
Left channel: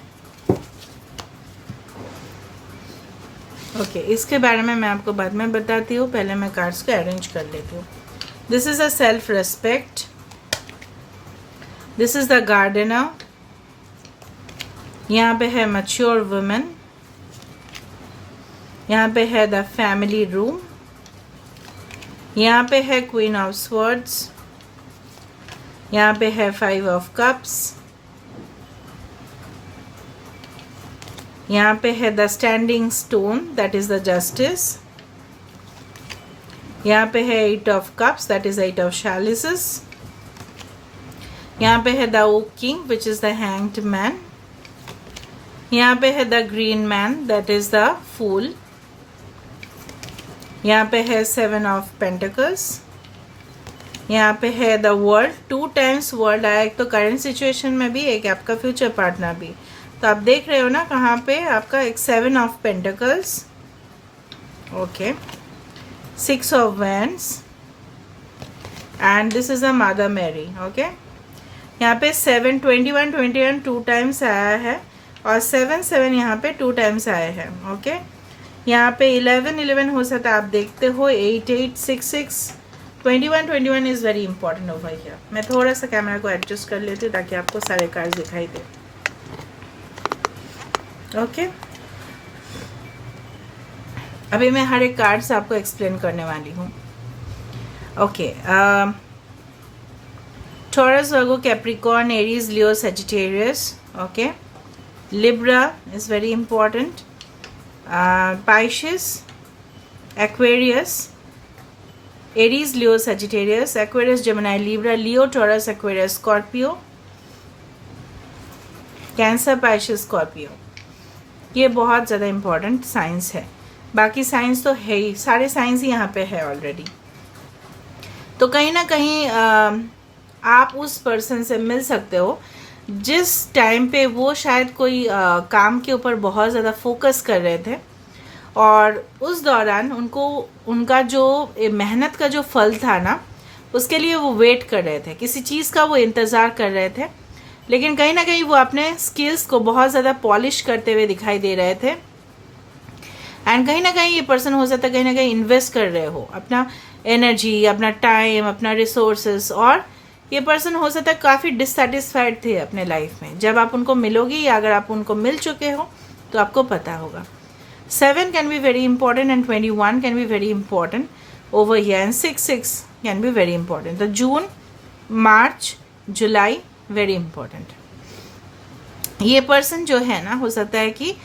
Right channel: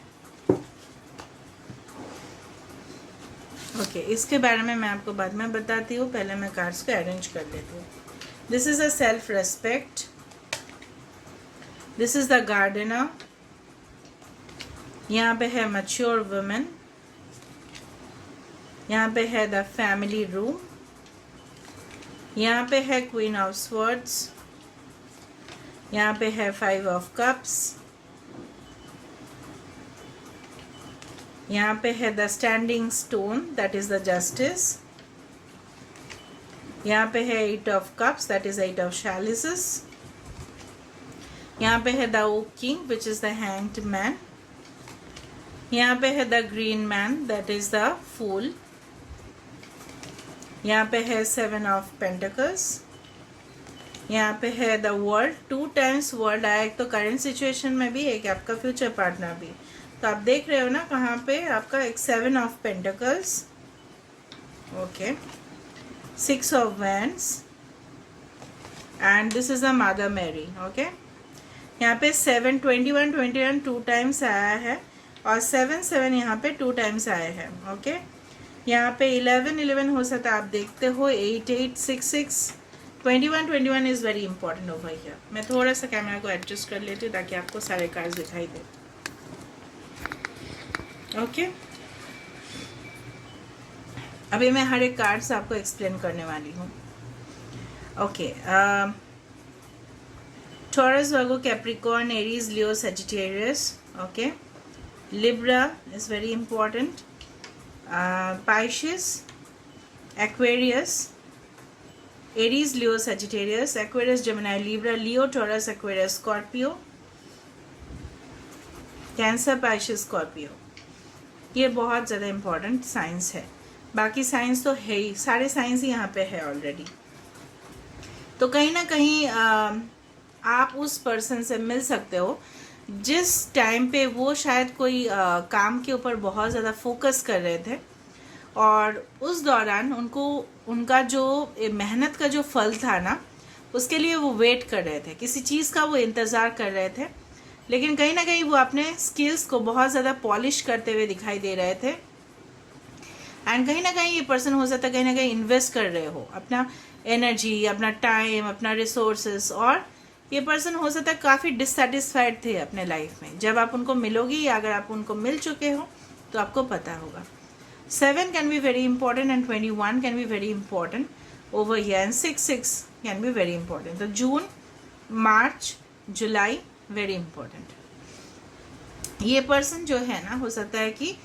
ओके, इसके बारे में मैं आपको बाद में बताती हूँ, पहले मैं कार्ड्स को अरेंज कर लेती हूँ। This is a self respect, this is the gardener, यहाँ पे है मैच्योर वुमेन, यहाँ पे है द फैमिली रूम, यहाँ पे है क्वीन ऑफ स्वर्ड्स, यहाँ पे है 5 ऑफ कप्स, यहाँ पे है the standing stone that is the justice, यहाँ पे है 8 of cups that is 8 of chalices, यहाँ पे है the oak king which is the hanged man, यहाँ पे है the green man that is the fool, यहाँ पे है 7 ऑफ पेंटिकल्स, यहाँ पे है द वर्ल्ड, 2 टाइम्स वर्ल्ड आया, एक तो करंट सिचुएशन में भी, एक आपका फ्यूचर पार्टनर भी। तो आप देख रहे हो ना कहाँ पे आपका एक 7 of pentacles, okay, 6 of wands and this is a mother Mary, okay. यहाँ पे 7 21 2 टाइम्स आया है और 7 7 यहाँ पे 2 टाइम्स आए हैं, ओके। यहाँ पे 11 11 हो सकता है, आप देखते हो 8 8 6 6 21 is very important over here. मैं थोड़ा सा कैमरा को एडजस्ट कर लेती हूँ ताकि आपको सारे कार्ड्स दिखाई दे, ओके। अभी मैं हर एक कार्ड्स आपको एक्सप्लेन करने वाली हूँ, okay. Taurus, Virgo, Capricorn, Aries, Leo, Sagittarius, okay. Libra is very important, Pisces, Aquarius, Aries, Leo, Sagittarius, Aquarius, Gemini, Libra, Leo, Taurus, Aquarius, Scorpio, Cancer, Pisces, Scorpio. ये बहुत ज़्यादा इम्पॉर्टेंट साइंस है, बाकी science तो है ही, सारे साइंस ही यहाँ पे है ऑलरेडी। तो कहीं ना कहीं आप उस पर्सन से मिल सकते हो जिस टाइम पे वो शायद कोई काम के ऊपर बहुत ज़्यादा फोकस कर रहे थे और उस दौरान उनको उनका जो मेहनत का जो फल था ना, उसके लिए वो वेट कर रहे थे, किसी चीज़ का वो इंतज़ार कर रहे थे, लेकिन कहीं ना कहीं वो अपने स्किल्स को बहुत ज़्यादा पॉलिश करते हुए दिखाई दे रहे थे। एंड कहीं ना कहीं ये पर्सन हो सकता है कहीं ना कहीं इन्वेस्ट कर रहे हो अपना एनर्जी, अपना टाइम, अपना रिसोर्सेस, और ये पर्सन हो सकता है काफ़ी डिससेटिस्फाइड थे अपने लाइफ में। जब आप उनको मिलोगी या अगर आप उनको मिल चुके हो तो आपको पता होगा। 7 can be very important and 21 can be very important over here and 6 6 can be very important. तो जून, मार्च, जुलाई वेरी इंपॉर्टेंट। ये पर्सन जो है ना, हो सकता है कि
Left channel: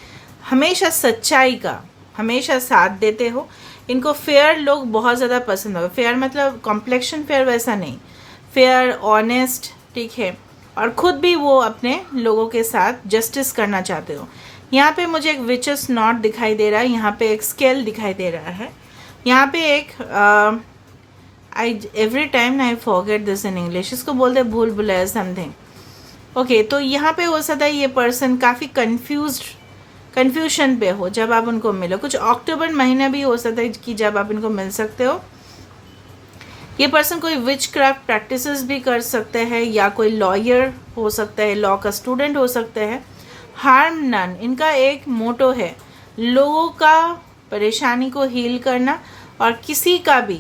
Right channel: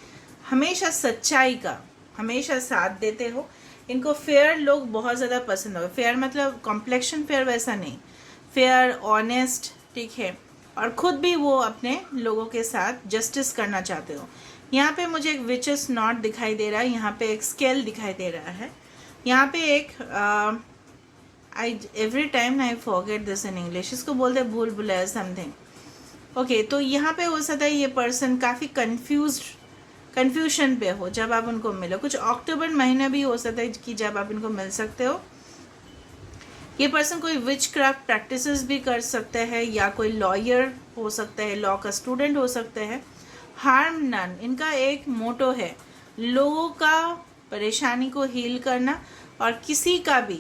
हमेशा सच्चाई का हमेशा साथ देते हो। इनको फेयर लोग बहुत ज़्यादा पसंद होगा। फेयर मतलब कॉम्प्लेक्शन फेयर वैसा नहीं, फेयर, ऑनेस्ट, ठीक है, और ख़ुद भी वो अपने लोगों के साथ जस्टिस करना चाहते हो। यहाँ पे मुझे एक विचेस नॉट दिखाई दे रहा है, यहाँ पे एक स्केल दिखाई दे रहा है, यहाँ पे एक I every time I forget this in English, इसको बोलते हैं भूल भुलैया समथिंग, ओके। तो यहाँ पे हो सकता है ये पर्सन काफ़ी कन्फ्यूजन पे हो जब आप उनको मिलो। कुछ अक्टूबर महीने भी हो सकता है कि जब आप इनको मिल सकते हो। ये पर्सन कोई विच क्राफ्ट प्रैक्टिसेस भी कर सकते हैं या कोई लॉयर हो सकता है, लॉ का स्टूडेंट हो सकते हैं। हार्म नन इनका एक मोटो है, लोगों का परेशानी को हील करना और किसी का भी,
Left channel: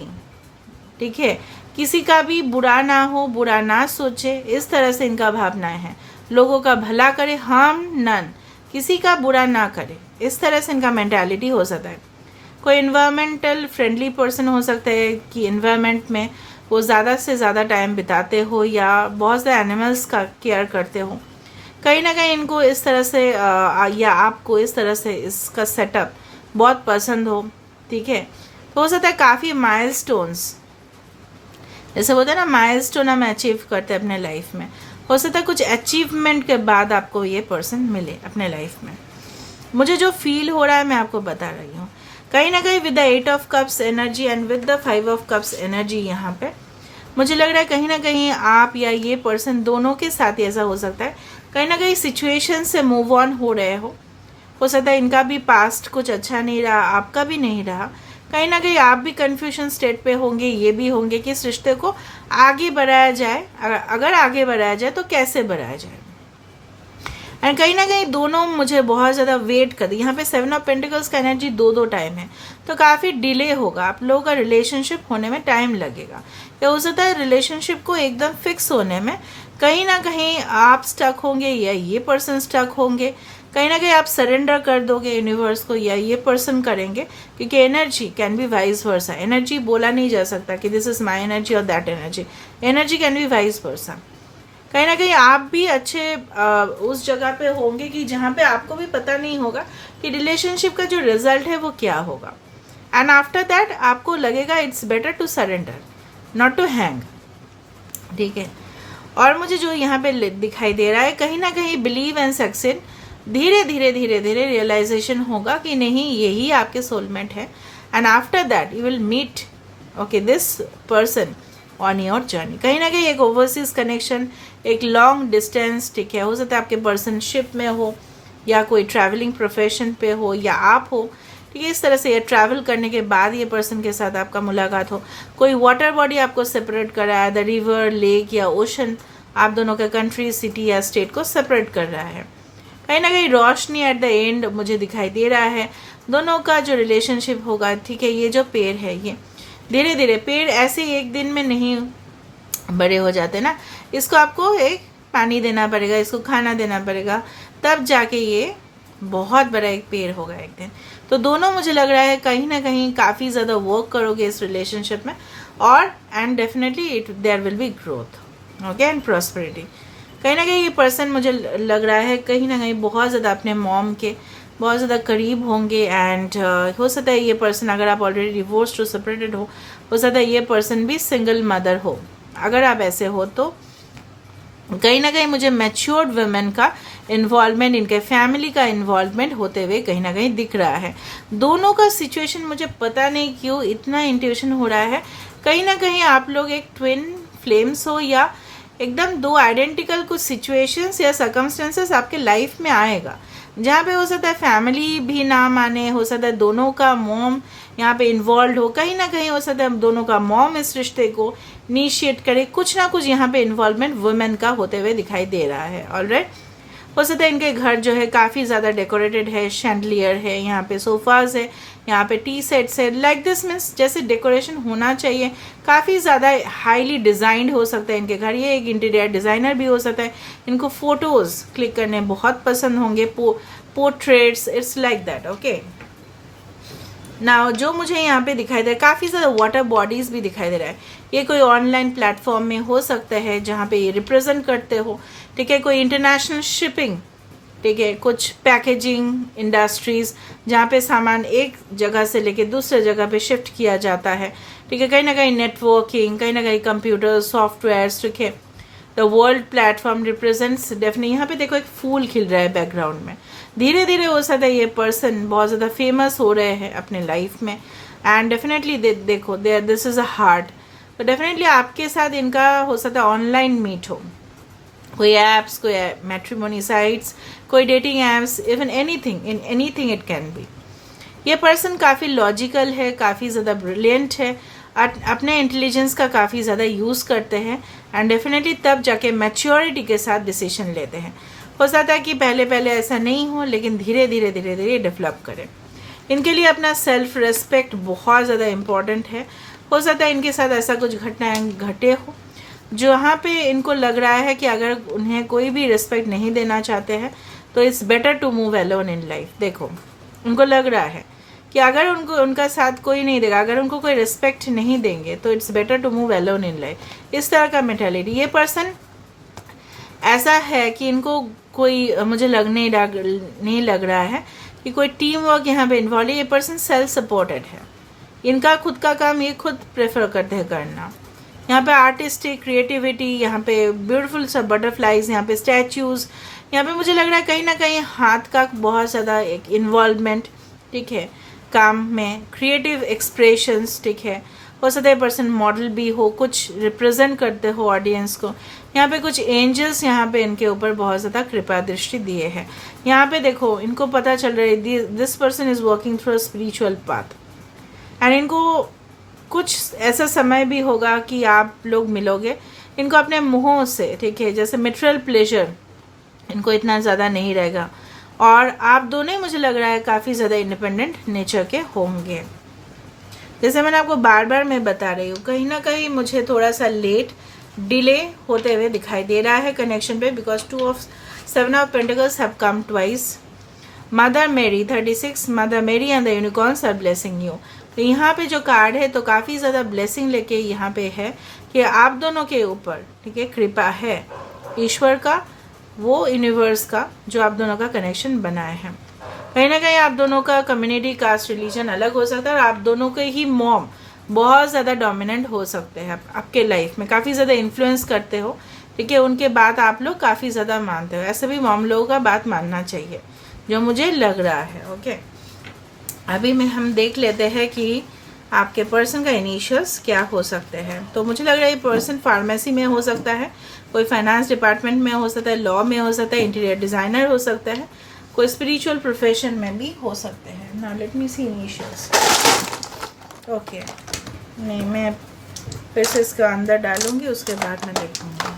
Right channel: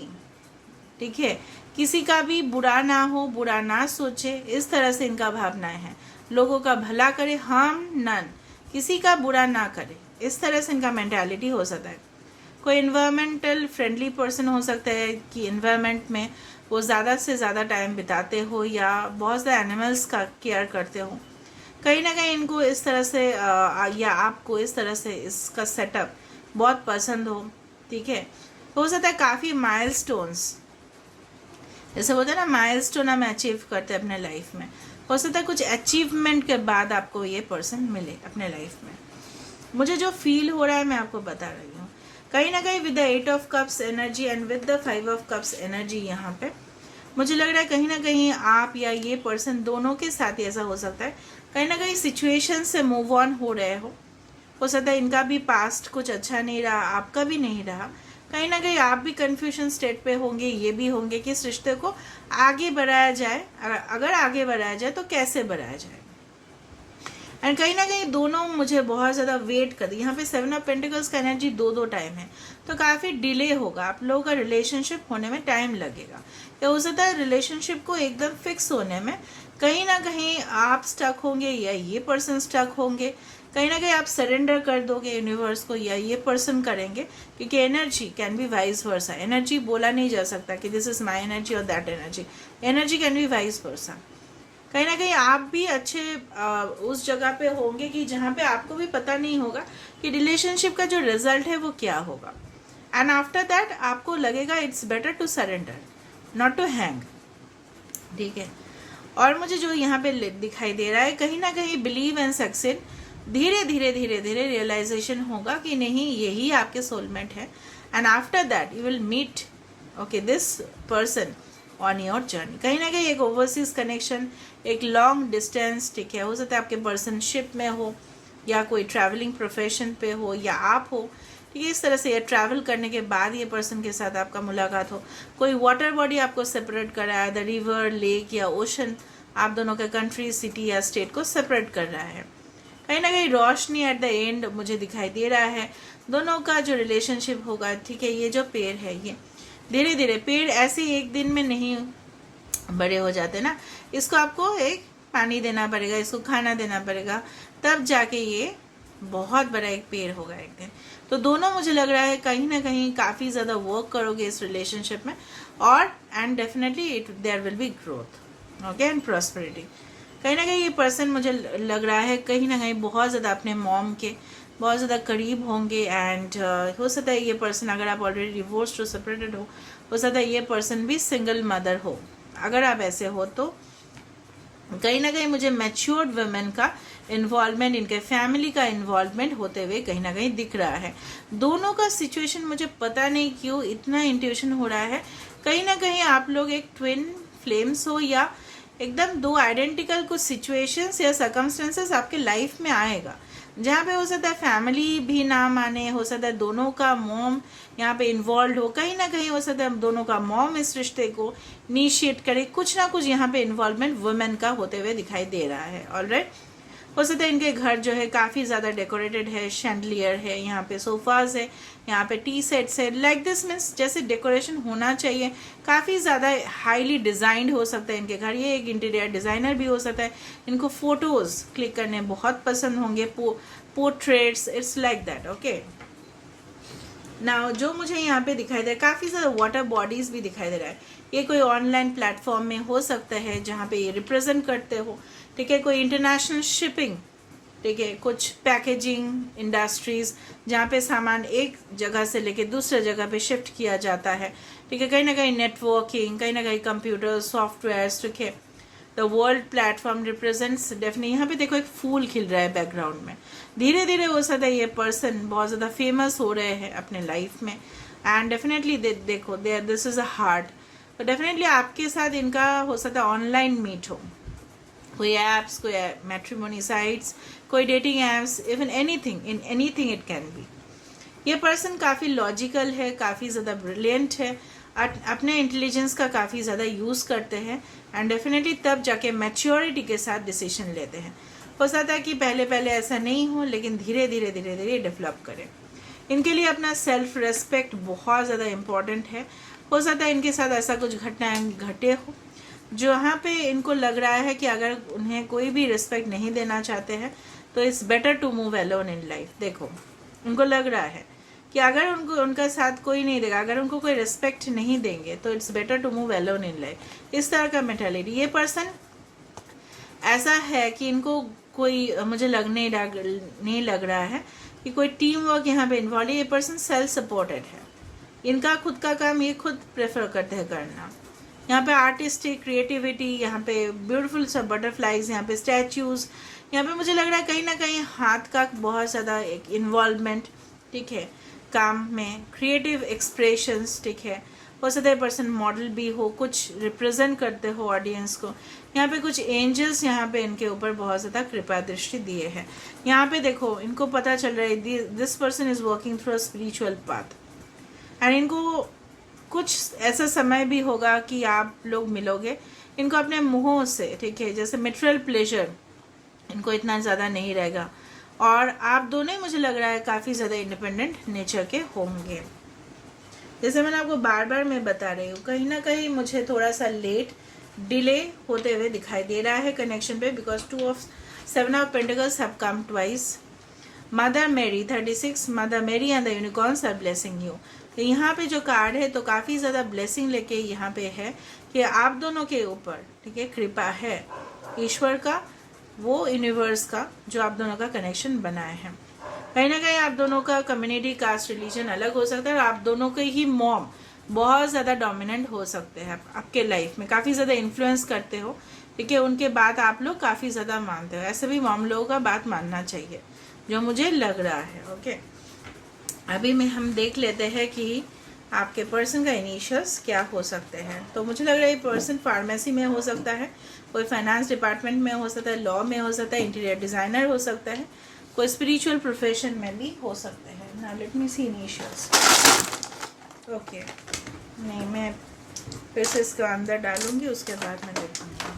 ठीक है, किसी का भी बुरा ना हो, बुरा ना सोचे, इस तरह से इनका भावना है। लोगों का भला करे, हार्म नन, किसी का बुरा ना करे, इस तरह से इनका मेंटालिटी हो सकता है। कोई इन्वायरमेंटल फ्रेंडली पर्सन हो सकता है कि इन्वायरमेंट में वो ज़्यादा से ज़्यादा टाइम बिताते हो या बहुत से एनिमल्स का केयर करते हो। कहीं ना कहीं इनको इस तरह से या आपको इस तरह से इसका सेटअप बहुत पसंद हो, ठीक है। तो हो सकता है काफ़ी माइलस्टोन्स, जैसे बोलते हैं ना माइलस्टोन हम अचीव करते हैं अपने लाइफ में, हो सकता है कुछ अचीवमेंट के बाद आपको ये पर्सन मिले अपने लाइफ में। मुझे जो फील हो रहा है मैं आपको बता रही हूँ। कहीं ना कहीं with the 8 of cups energy and with the 5 of cups energy, यहाँ पे मुझे लग रहा है कहीं ना कहीं आप या ये पर्सन दोनों के साथ ऐसा हो सकता है, कहीं ना कहीं सिचुएशन से मूव ऑन हो रहे हो सकता है इनका भी पास्ट कुछ अच्छा नहीं रहा, आपका भी नहीं रहा। कहीं ना कहीं आप भी कन्फ्यूजन स्टेट पे होंगे, ये भी होंगे कि इस रिश्ते को आगे बढ़ाया जाए, अगर आगे बढ़ाया जाए तो कैसे बढ़ाया जाए। एंड कहीं ना कहीं दोनों मुझे बहुत ज़्यादा वेट कर, यहाँ पे 7 ऑफ पेंटिकल्स का एनर्जी दो टाइम है, तो काफ़ी डिले होगा, आप लोगों का रिलेशनशिप होने में टाइम लगेगा। या हो सकता है रिलेशनशिप को एकदम फिक्स होने में कहीं ना कहीं आप स्टक होंगे या ये पर्सन स्टक होंगे, कहीं ना कहीं आप सरेंडर कर दोगे यूनिवर्स को या ये पर्सन करेंगे, क्योंकि energy can be vice versa. Energy बोला नहीं जा सकता कि दिस इज माई एनर्जी और that energy, energy can be vice versa. कहीं ना कहीं आप भी अच्छे उस जगह पे होंगे कि जहाँ पे आपको भी पता नहीं होगा कि रिलेशनशिप का जो रिजल्ट है वो क्या होगा। एंड आफ्टर दैट आपको लगेगा it's better to surrender not to hang, ठीक है। और मुझे जो यहाँ पे दिखाई दे रहा है, कहीं ना कहीं बिलीव एंड सक्सेस, धीरे धीरे धीरे धीरे रियलाइजेशन होगा कि नहीं यही आपके सोलमेट है। And after that you will meet okay this person on your journey. कहीं ना कहीं एक ओवरसीज कनेक्शन, एक लॉन्ग डिस्टेंस, ठीक है, हो सकता है आपके पर्सन शिप में हो या कोई ट्रैवलिंग प्रोफेशन पे हो या आप हो, ठीक है, इस तरह से ये ट्रैवल करने के बाद ये पर्सन के साथ आपका मुलाकात हो। कोई वाटर बॉडी आपको सेपरेट कर रहा है, द रिवर, लेक या ओशन, आप दोनों का कंट्री, सिटी या स्टेट को सेपरेट कर रहा है। कहीं ना कहीं रोशनी एट द एंड मुझे दिखाई दे रहा है, दोनों का जो रिलेशनशिप होगा, ठीक है। ये जो पेड़ है, ये धीरे धीरे, पेड़ ऐसे एक दिन में नहीं बड़े हो जाते ना, इसको आपको एक पानी देना पड़ेगा, इसको खाना देना पड़ेगा, तब जाके ये बहुत बड़ा एक पेड़ होगा एक दिन। तो दोनों मुझे लग रहा है कहीं ना कहीं काफ़ी ज़्यादा वर्क करोगे इस रिलेशनशिप में, और and definitely there will be growth, okay, and prosperity. कहीं ना कहीं ये पर्सन मुझे लग रहा है कहीं ना कहीं बहुत ज़्यादा अपने मॉम के बहुत ज़्यादा करीब होंगे। एंड हो सकता है ये पर्सन, अगर आप ऑलरेडी डिवोर्स्ड हो, सेपरेटेड हो सकता है ये पर्सन भी सिंगल मदर हो। अगर आप ऐसे हो तो कहीं ना कहीं मुझे मैच्योर्ड वुमेन का इन्वॉल्वमेंट, इनके फैमिली का इन्वॉल्वमेंट होते हुए कहीं ना कहीं दिख रहा है। दोनों का सिचुएशन मुझे पता नहीं क्यों इतना इंट्यूशन हो रहा है, कहीं ना कहीं आप लोग एक ट्विन फ्लेम्स हो या एकदम दो आइडेंटिकल कुछ सिचुएशंस या सर्कमस्टेंसेस आपके लाइफ में आएगा, जहाँ पे हो सकता है फैमिली भी ना माने, हो सकता है दोनों का मॉम यहाँ पे इन्वॉल्व हो, कहीं ना कहीं हो सकता है दोनों का मॉम इस रिश्ते को इनिशिएट करे, कुछ ना कुछ यहाँ पे इन्वॉल्वमेंट वुमेन का होते हुए दिखाई दे रहा है। ऑलराइट, हो सकता है इनके घर जो है काफ़ी ज़्यादा डेकोरेटेड है, शैंडलियर है, यहाँ पे सोफाज है, यहाँ पे टी सेट्स है, लाइक दिस मीन्स जैसे डेकोरेशन होना चाहिए, काफ़ी ज़्यादा हाईली डिज़ाइंड हो सकता है इनके घर। ये एक इंटीरियर डिज़ाइनर भी हो सकता है, इनको फोटोज़ क्लिक करने बहुत पसंद होंगे, portraits, it's like that, okay. ना जो मुझे यहाँ पे दिखाई दे रहा है, काफ़ी ज़्यादा वाटर बॉडीज़ भी दिखाई दे रहा है। ये कोई ऑनलाइन प्लेटफॉर्म में हो सकता है जहाँ पे ये रिप्रेजेंट करते हो, ठीक है, कोई इंटरनेशनल शिपिंग, ठीक है, कुछ पैकेजिंग इंडस्ट्रीज जहाँ पे सामान एक जगह से लेके दूसरे जगह पे शिफ्ट किया जाता है, ठीक है, कहीं ना कहीं नेटवर्किंग, कहीं ना कहीं कंप्यूटर सॉफ्टवेयर, ठीक है। The world platform represents definitely, यहाँ पे देखो एक फूल खिल रहा है बैकग्राउंड में, धीरे धीरे हो सकता है ये पर्सन बहुत ज़्यादा फेमस हो रहे हैं अपने लाइफ में। एंड डेफिनेटली देखो दिस इज़ अ हार्ट, तो डेफिनेटली आपके साथ इनका हो सकता है ऑनलाइन मीट हो, कोई एप्स, कोई मैट्रिमोनी साइट्स, कोई dating apps, even anything, in anything it can be. ये पर्सन काफ़ी लॉजिकल है, काफ़ी ज़्यादा ब्रिलियंट है, अपने इंटेलिजेंस का काफ़ी ज़्यादा यूज़ करते हैं, एंड डेफिनेटली तब जाके मैच्योरिटी के साथ डिसीजन लेते हैं। हो सकता है कि पहले पहले ऐसा नहीं हो, लेकिन धीरे धीरे धीरे धीरे डेवलप करें। इनके लिए अपना सेल्फ रेस्पेक्ट बहुत ज़्यादा इम्पॉर्टेंट है। हो सकता है इनके साथ ऐसा कुछ घटनाएं घटे हो जहाँ पे इनको लग रहा है कि अगर उन्हें कोई भी रिस्पेक्ट नहीं देना चाहते हैं तो it's better to move alone in life. देखो उनको लग रहा है कि अगर उनको उनका साथ कोई नहीं देगा, अगर उनको कोई रिस्पेक्ट नहीं देंगे तो it's better to move alone in life. इस तरह का मेंटालिटी, ये पर्सन ऐसा है कि इनको कोई मुझे नहीं लग रहा है कि कोई टीम वर्क यहाँ पे इन्वॉल्व है। ये पर्सन सेल्फ सपोर्टेड है, इनका खुद का काम ये खुद प्रेफर करते हैं करना। यहाँ पे आर्टिस्टिक क्रिएटिविटी, यहाँ पे ब्यूटीफुल सब बटरफ्लाइज, यहाँ पे स्टैचूज, यहाँ पे मुझे लग रहा है कहीं ना कहीं हाथ का बहुत ज़्यादा एक इन्वॉल्वमेंट, ठीक है, काम में क्रिएटिव एक्सप्रेशंस, ठीक है। हो सकता है पर्सन मॉडल भी हो, कुछ रिप्रेजेंट करते हो ऑडियंस को। यहाँ पे कुछ एंजल्स यहाँ पे इनके ऊपर बहुत ज़्यादा कृपा दृष्टि दिए हैं। यहाँ पे देखो इनको पता चल रहा है this person is working through a spiritual path, and इनको कुछ ऐसा समय भी होगा कि आप लोग मिलोगे इनको अपने मुंहों से, ठीक है, जैसे मेटेरियल प्लेजर इनको इतना ज़्यादा नहीं रहेगा, और आप दोनों ही मुझे लग रहा है काफ़ी ज़्यादा इंडिपेंडेंट नेचर के होंगे। जैसे मैंने आपको बार बार मैं बता रही हूँ, कहीं ना कहीं मुझे थोड़ा सा लेट डिले होते हुए दिखाई दे रहा है कनेक्शन पे, because 7 of Pentacles have come twice. Mother Mary 36, mother Mary and the unicorns are blessing you. तो यहाँ पे जो कार्ड है तो काफ़ी ज़्यादा ब्लेसिंग लेके यहाँ पे है कि आप दोनों के ऊपर, ठीक है, कृपा है ईश्वर का, वो यूनिवर्स का, जो आप दोनों का कनेक्शन बनाए हैं। कहीं ना कहीं आप दोनों का कम्युनिटी, कास्ट, रिलीजन अलग हो सकता है, और आप दोनों के ही मॉम बहुत ज़्यादा डोमिनेंट हो सकते हैं आपके लाइफ में, काफ़ी ज़्यादा इन्फ्लुएंस करते हो, ठीक है, उनके बात आप लोग काफ़ी ज़्यादा मानते हो। ऐसे भी मॉम लोगों का बात मानना चाहिए, जो मुझे लग रहा है। ओके, अभी में हम देख लेते हैं कि आपके पर्सन का इनिशियल्स क्या हो सकते हैं। तो मुझे लग रहा है ये पर्सन फार्मेसी में हो सकता है, कोई फाइनेंस डिपार्टमेंट में हो सकता है, लॉ में हो सकता है, इंटीरियर डिज़ाइनर हो सकता है, कोई स्पिरिचुअल प्रोफेशन में भी हो सकते हैं। नाउ लेट मी सी इनिशियल्स। ओके, नहीं, मैं फिर से इसका अंदर डालूंगी, उसके बाद मैं देखूंगी।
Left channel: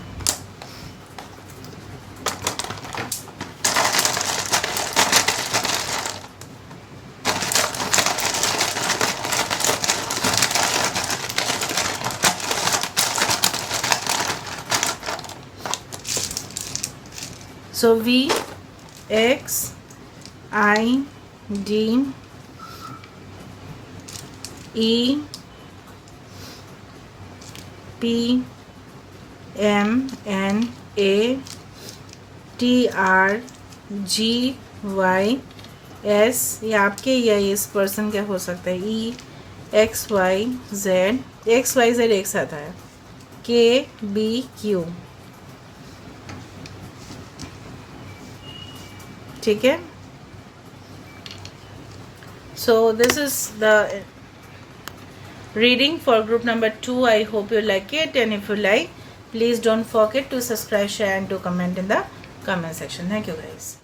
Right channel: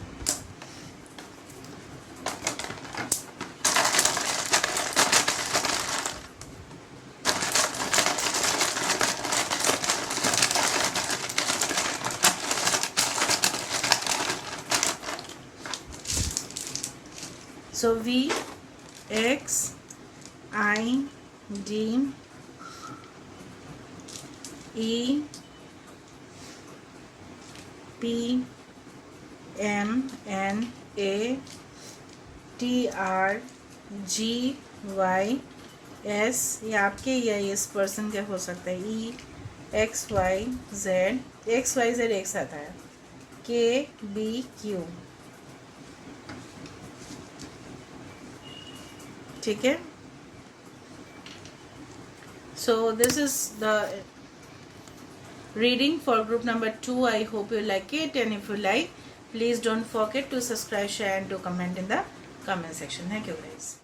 So VXIDPMNATRGYS, ये आपके या इस पर्सन के हो सकता है। XYZ एक साथ आया, KBQ, ठीक है। So this is the reading for group number 2. I hope you like it, and if you like, please don't forget to subscribe, share and to comment in the comment section. Thank you guys.